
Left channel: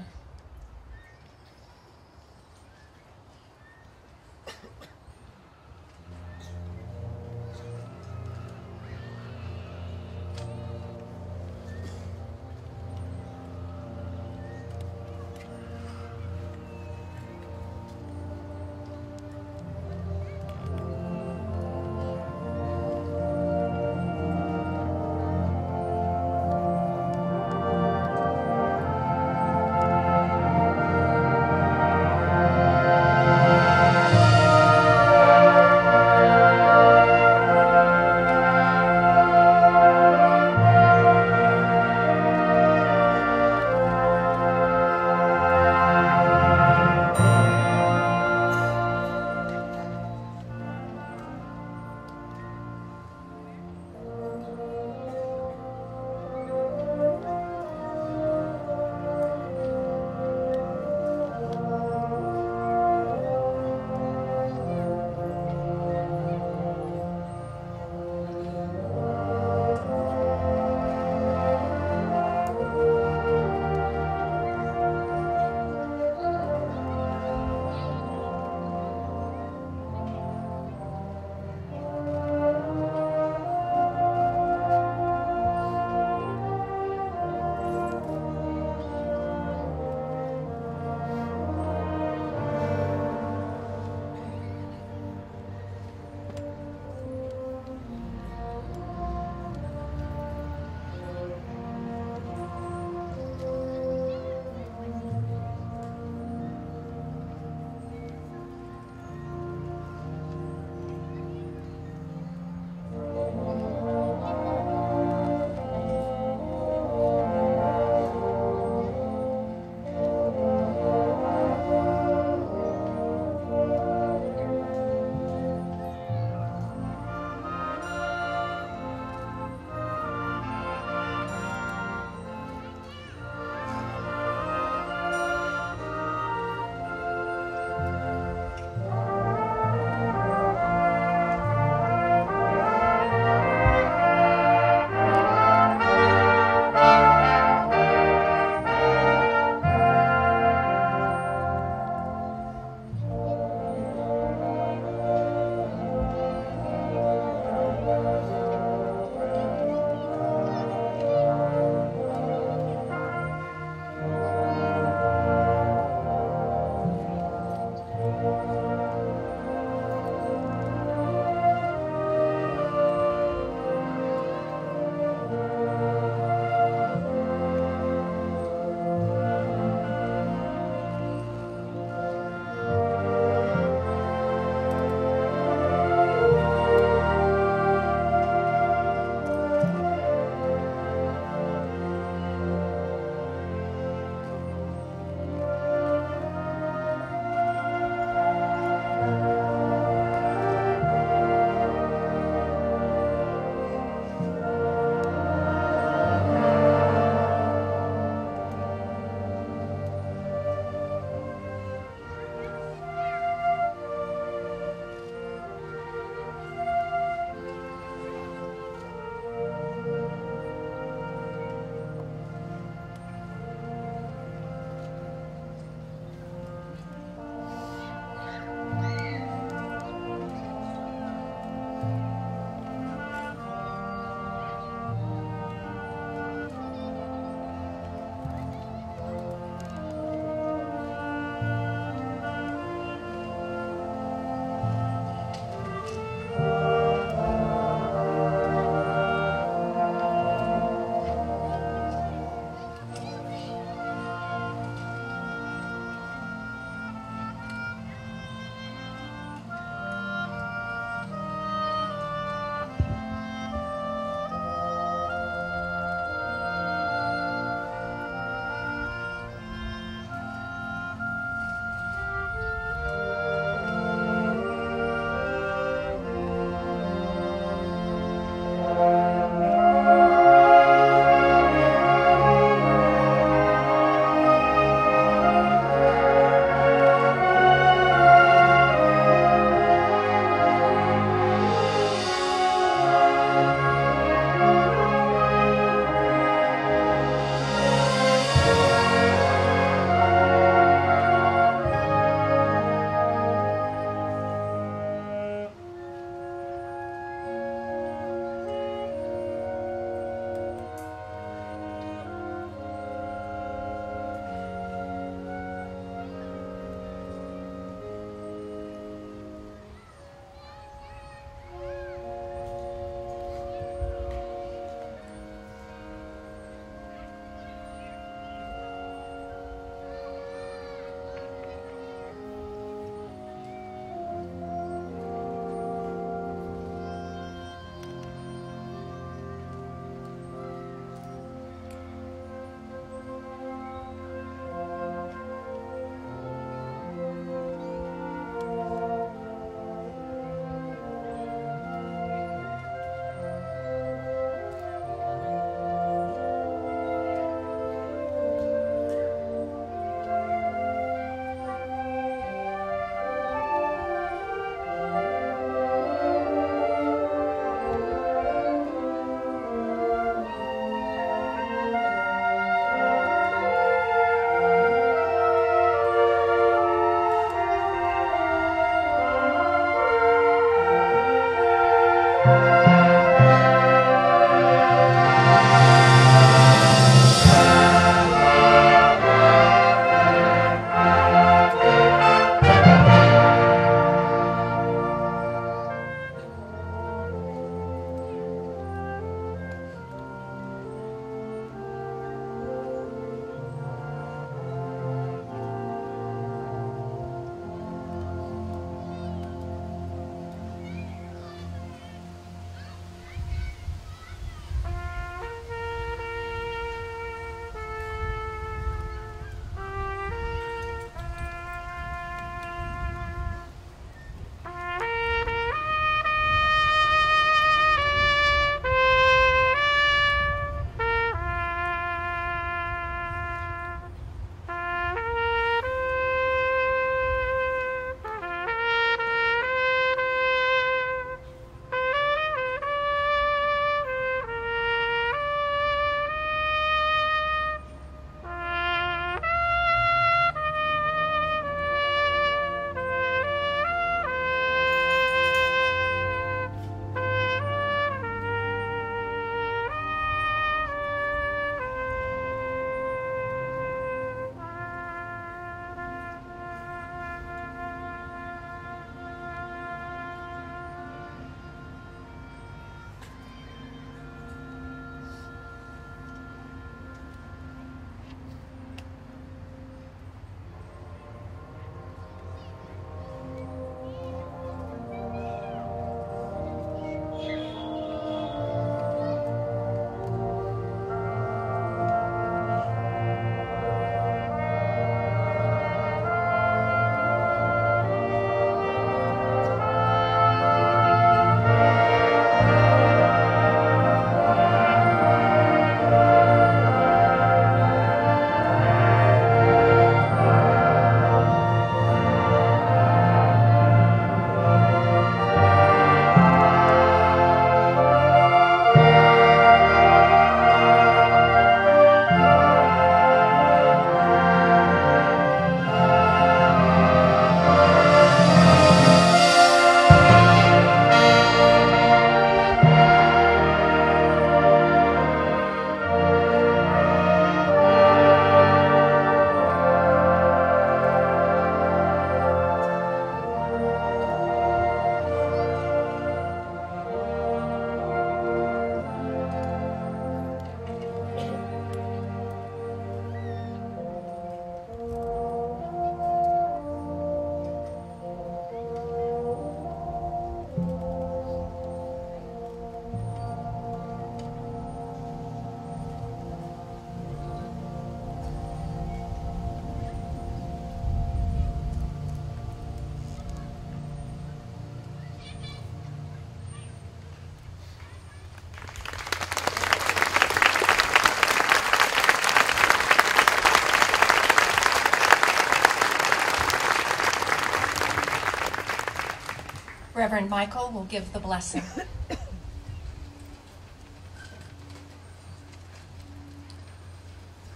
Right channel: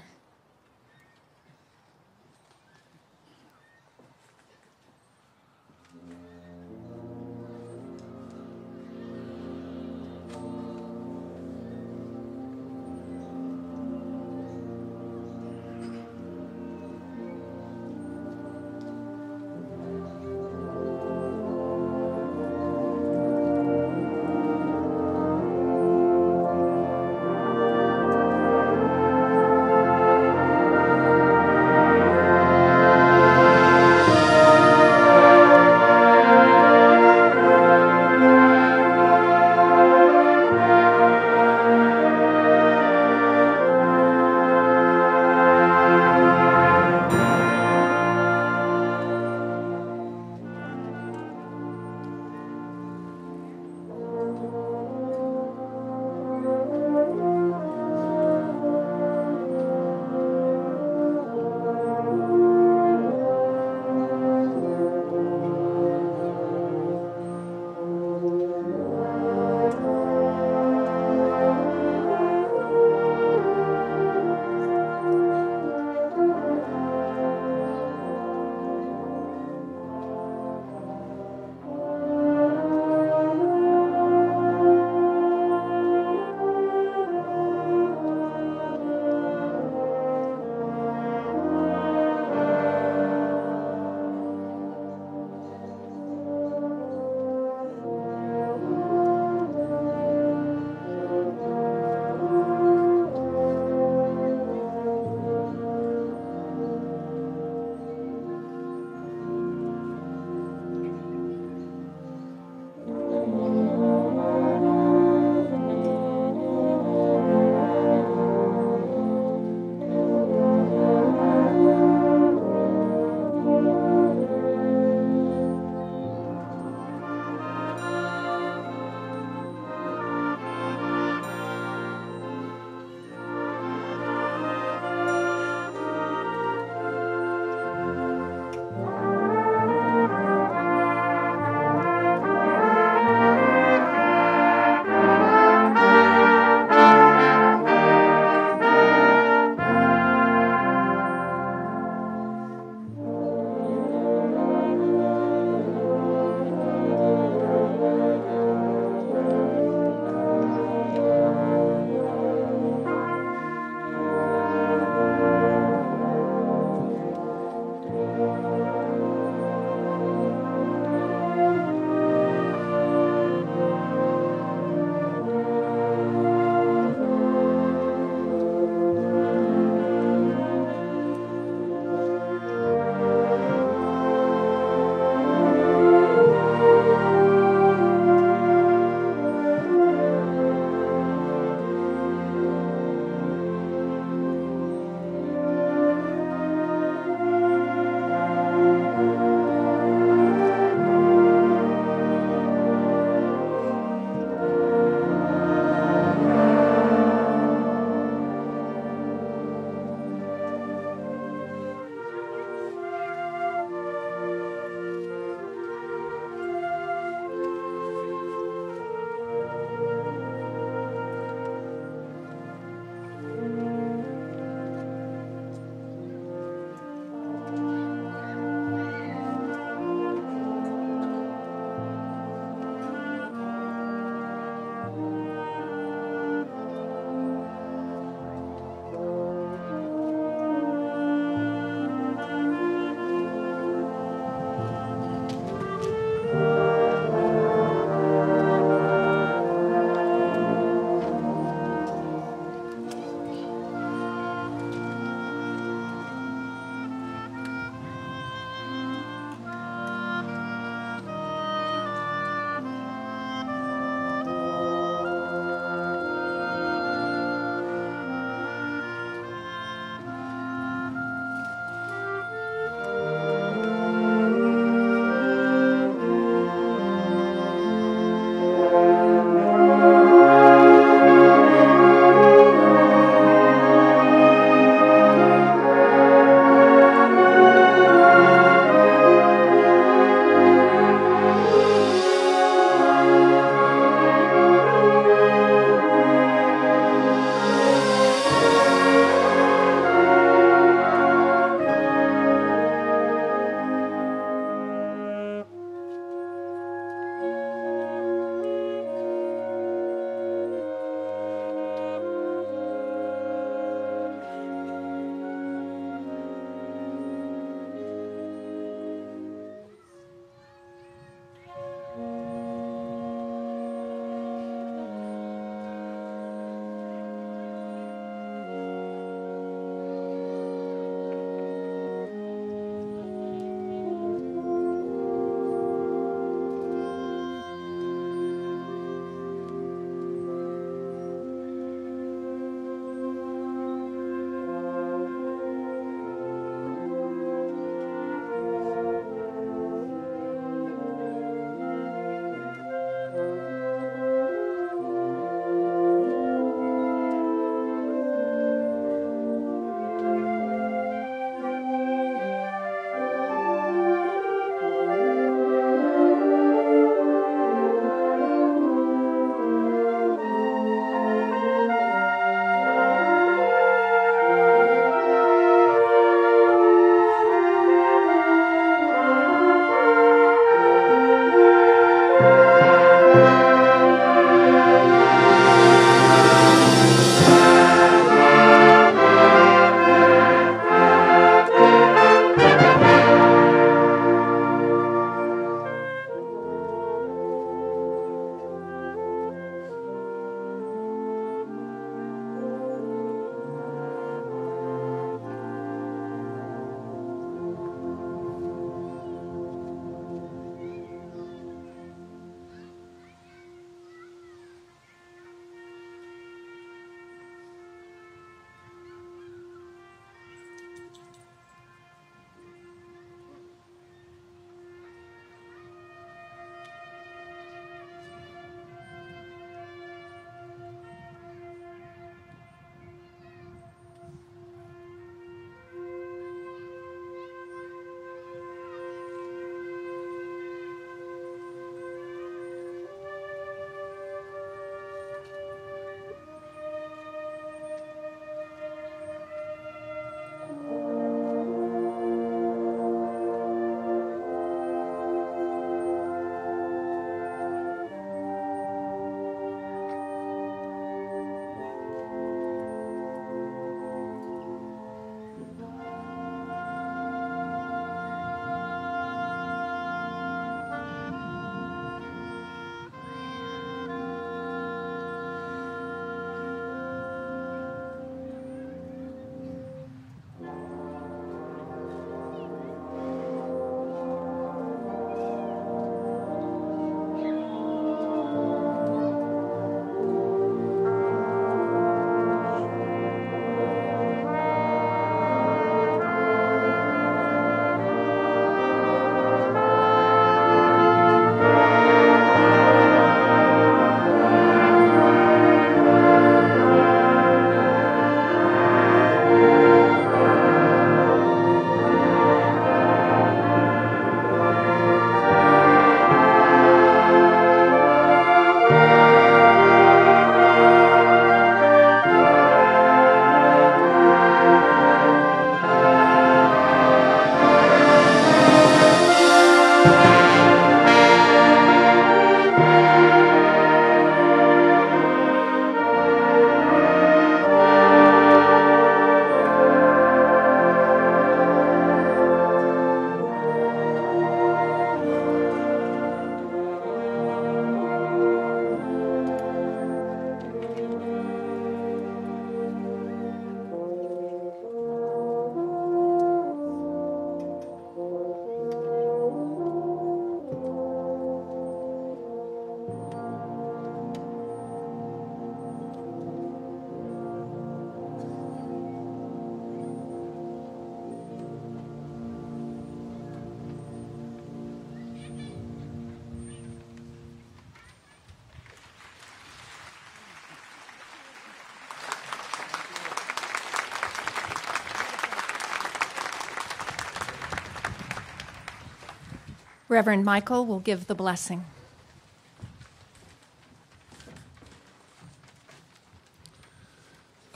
Reverend Michael will give the blessing.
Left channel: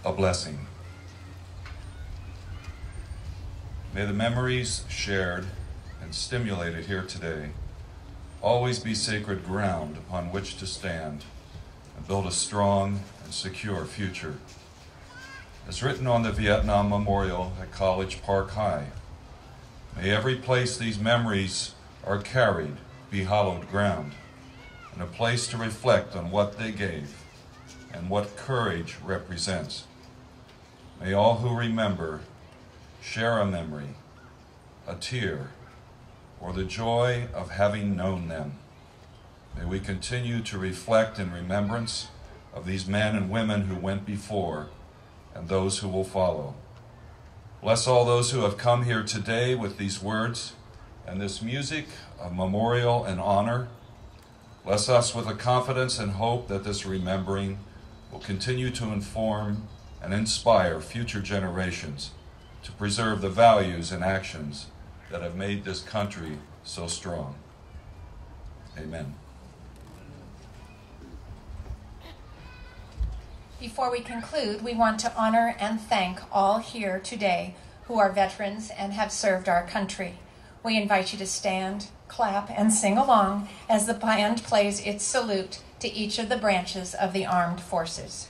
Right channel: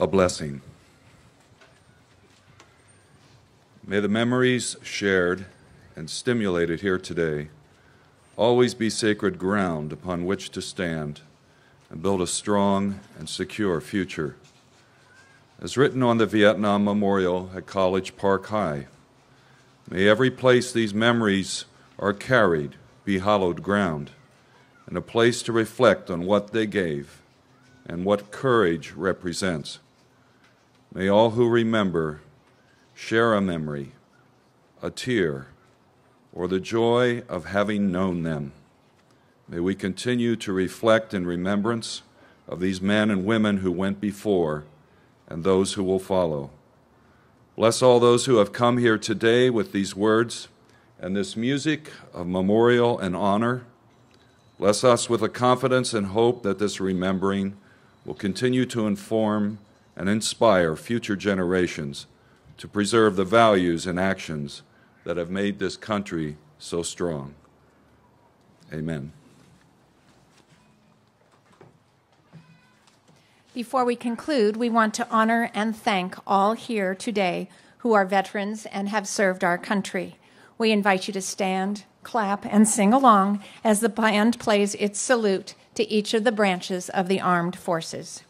A blessing. May the memories shared and stimulated here today always be sacred ground upon which to stand and build a strong and secure future. As written on the Vietnam Memorial at College Park High, may every place these memories are carried be hallowed ground and a place to reflect on what they gave and what courage represents. May all who remember share a memory, a tear, or the joy of having known them. May we continue to reflect in remembrance of these men and women who went before and those who will follow. Bless all those who have come here today with these words and this music of memorial and honor. Bless us with the confidence and hope that this remembering will continue to inform and inspire future generations to preserve the values and actions that have made this country so strong. Amen. Before we conclude, we want to honor and thank all here today who are veterans and have served our country. We invite you to stand, clap, and sing along as the band plays its salute to each of the branches of the armed forces.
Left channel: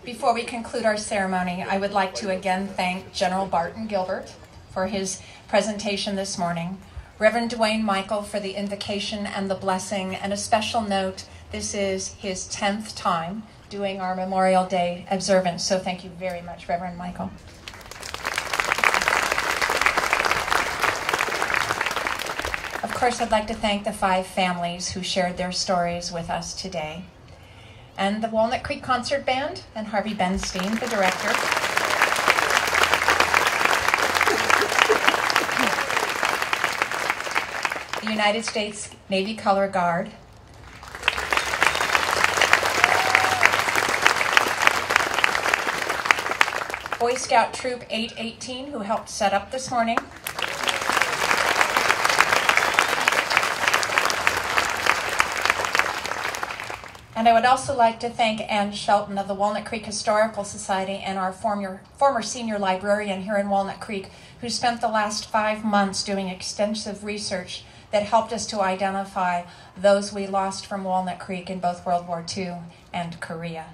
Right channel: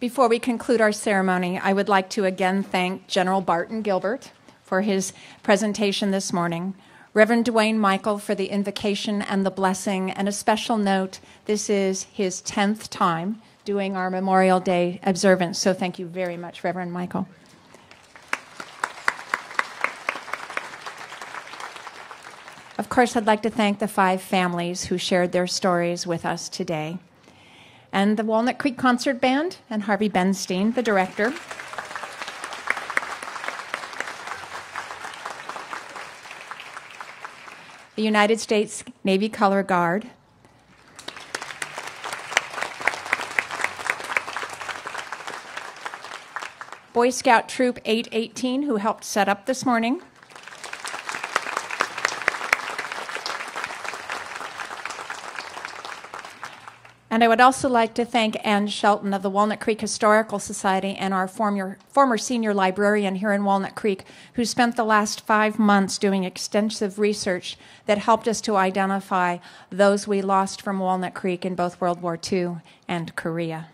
Before we conclude our ceremony, I would like to again thank General Barton Gilbert for his presentation this morning, Reverend Dwayne Michael for the invocation and the blessing, and a special note, this is his 10th time doing our Memorial Day observance, so thank you very much, Reverend Michael. Of course, I'd like to thank the 5 families who shared their stories with us today, and the Walnut Creek Concert Band and Harvey Benstein, the director. The United States Navy Color Guard. Boy Scout Troop 818, who helped set up this morning. And I would also like to thank Ann Shelton of the Walnut Creek Historical Society and our former senior librarian here in Walnut Creek, who spent the last 5 months doing extensive research that helped us to identify those we lost from Walnut Creek in both World War II and Korea.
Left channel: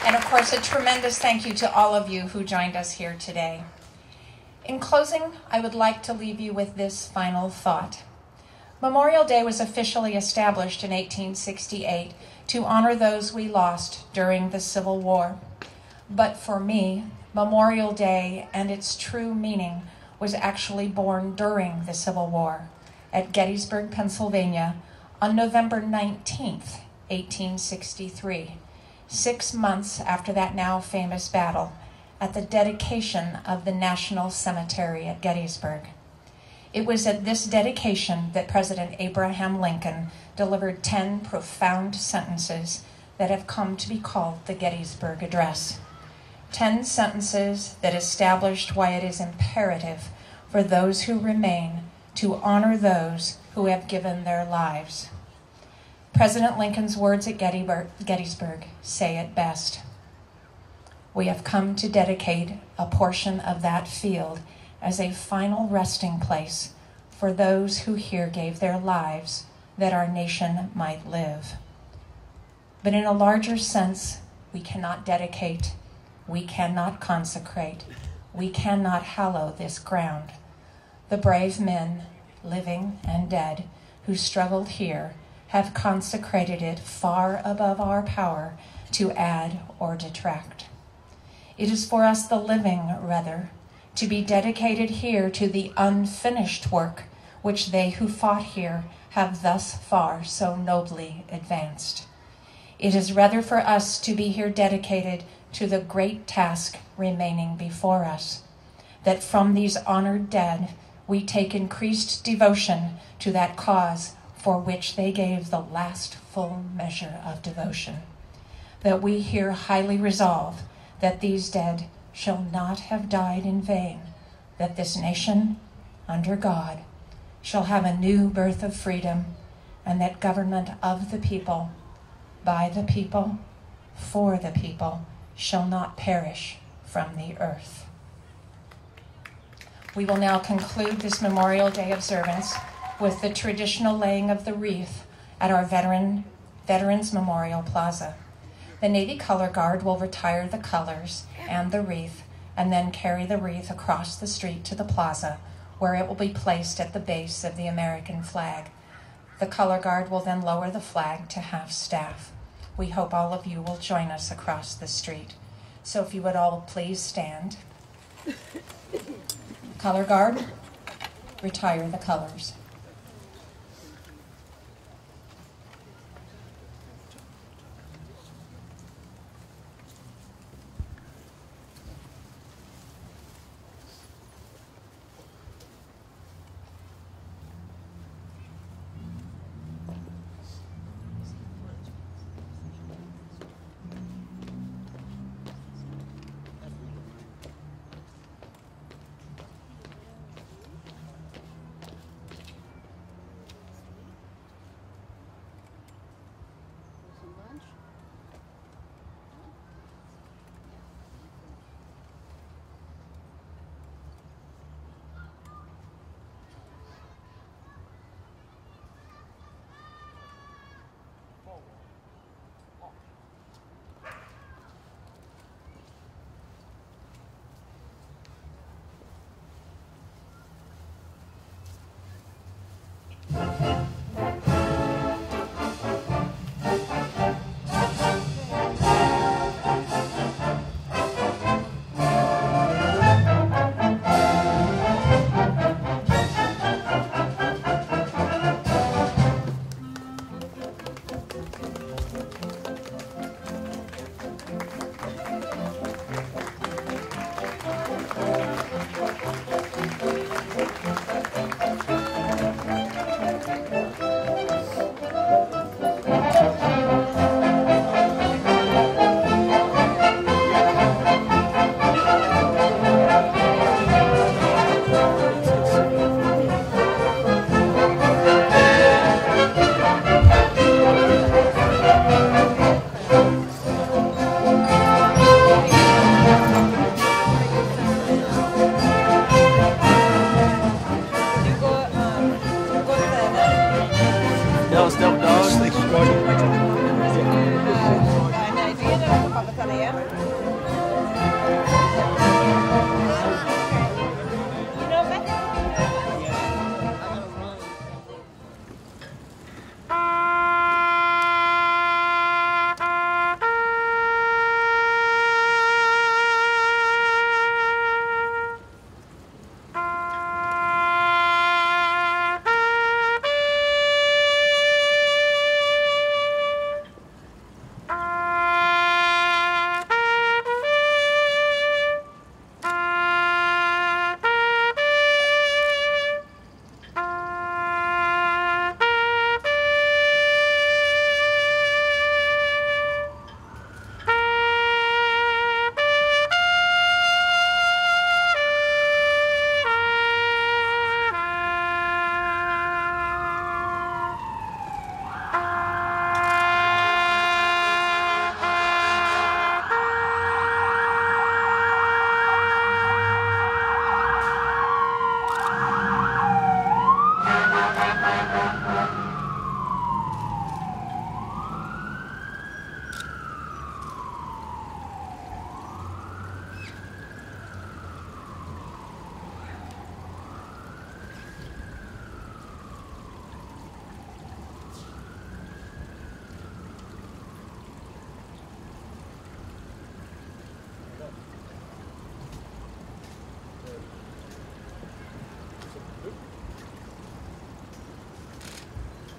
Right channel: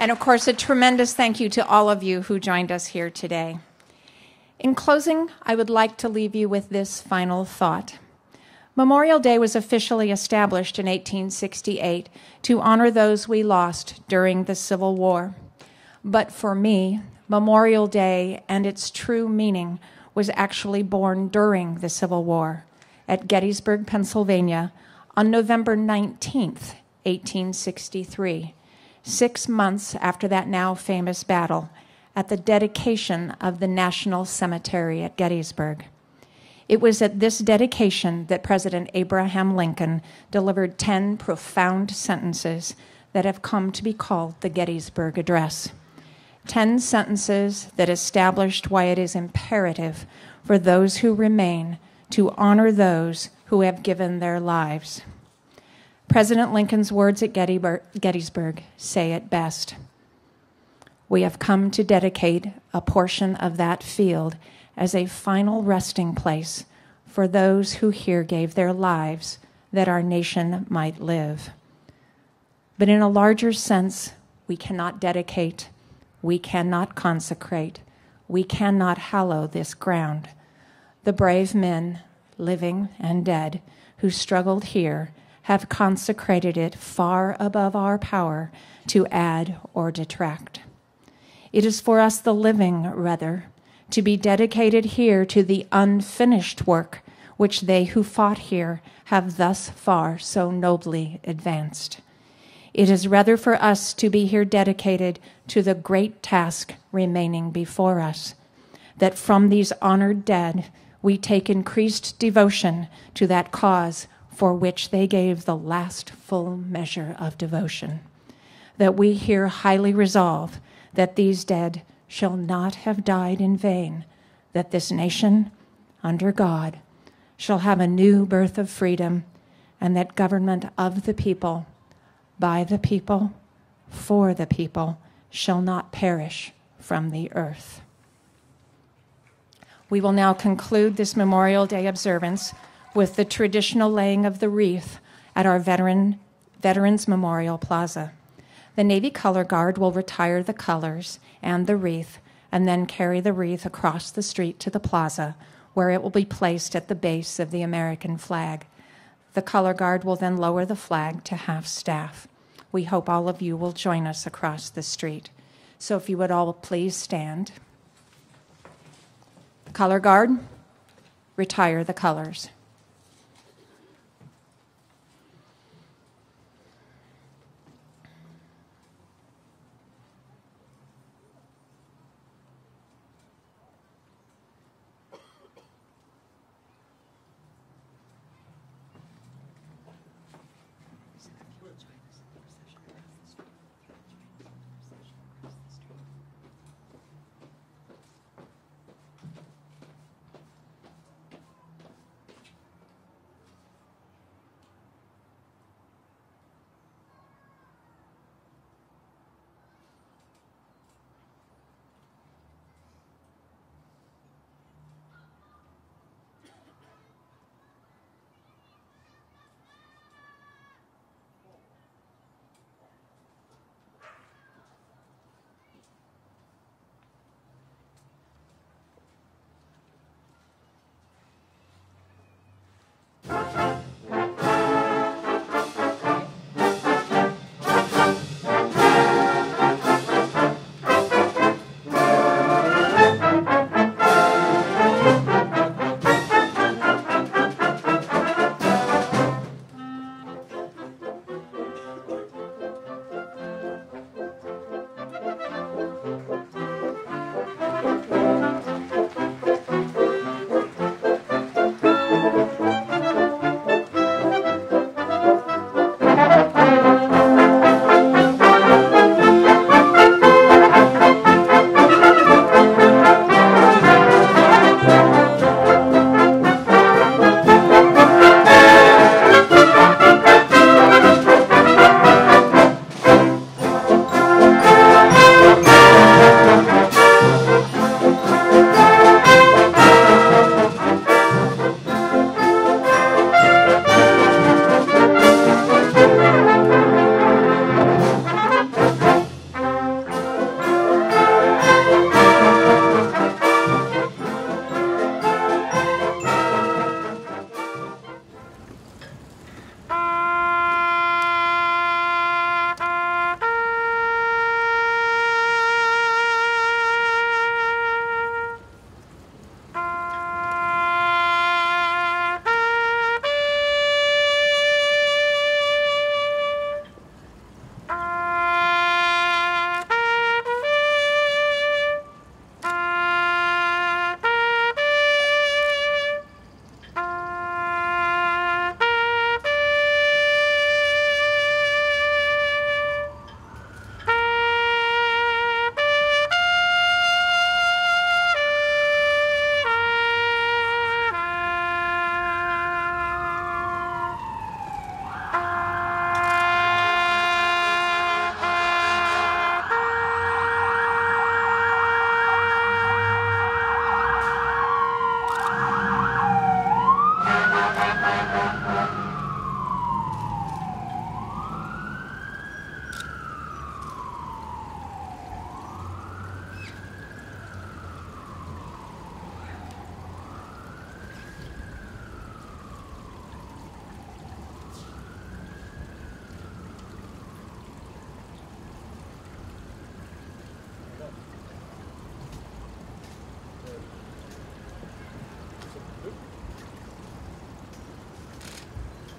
And of course, a tremendous thank you to all of you who joined us here today. In closing, I would like to leave you with this final thought. Memorial Day was officially established in 1868 to honor those we lost during the Civil War. But for me, Memorial Day and its true meaning was actually born during the Civil War at Gettysburg, Pennsylvania on November 19th, 1863, 6 months after that now famous battle, at the dedication of the National Cemetery at Gettysburg. It was at this dedication that President Abraham Lincoln delivered 10 profound sentences that have come to be called the Gettysburg Address. 10 sentences that established why it is imperative for those who remain to honor those who have given their lives. President Lincoln's words at Gettysburg say it best. We have come to dedicate a portion of that field as a final resting place for those who here gave their lives that our nation might live. But in a larger sense, we cannot dedicate, we cannot consecrate, we cannot hallow this ground. The brave men, living and dead, who struggled here have consecrated it far above our power to add or detract. It is for us, the living, rather, to be dedicated here to the unfinished work which they who fought here have thus far so nobly advanced. It is rather for us to be here dedicated to the great task remaining before us, that from these honored dead we take increased devotion to that cause for which they gave the last full measure of devotion, that we here highly resolve that these dead shall not have died in vain, that this nation, under God, shall have a new birth of freedom, and that government of the people, by the people, for the people, shall not perish from the earth. We will now conclude this Memorial Day observance with the traditional laying of the wreath at our Veterans Memorial Plaza. The Navy Color Guard will retire the colors and the wreath, and then carry the wreath across the street to the plaza, where it will be placed at the base of the American flag. The Color Guard will then lower the flag to half-staff. We hope all of you will join us across the street. So if you would all please stand. Color Guard, retire the colors.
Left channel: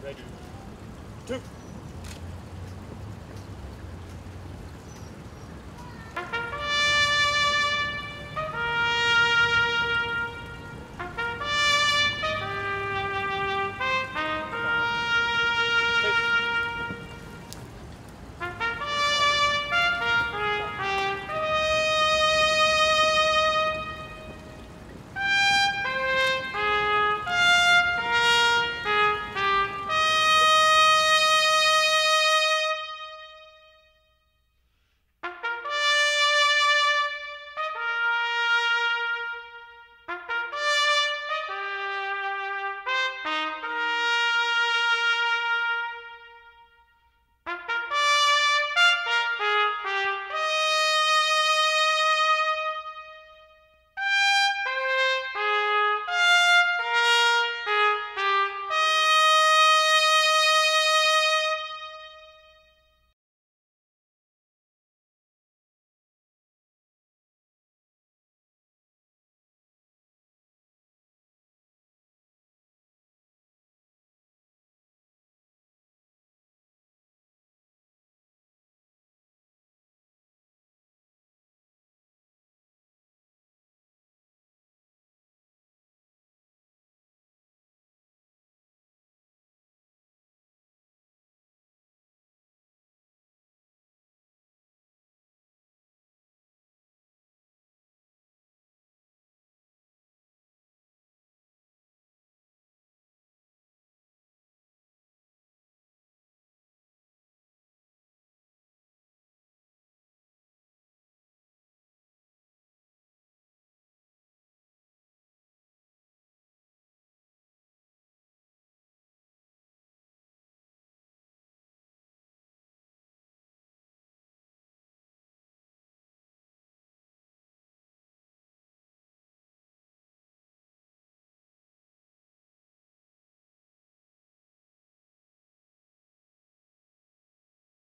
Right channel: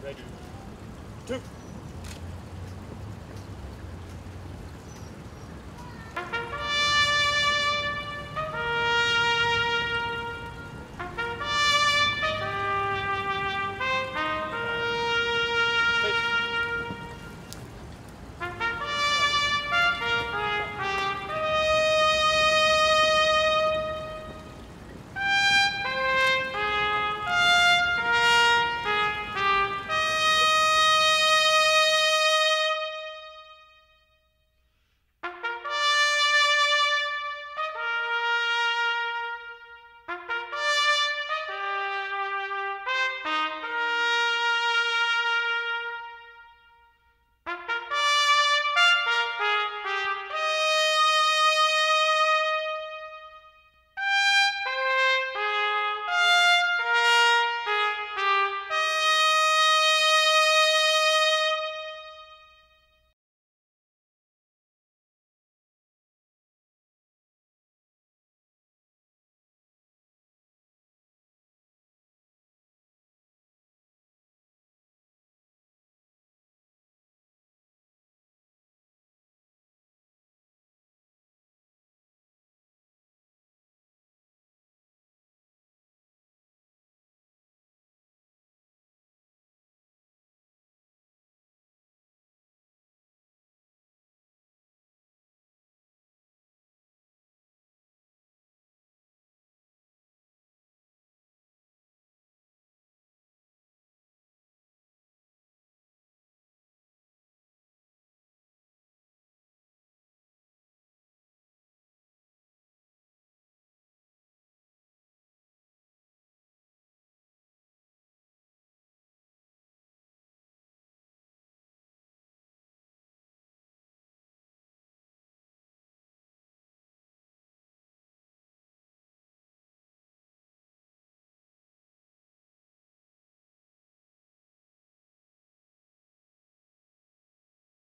Ready. 2.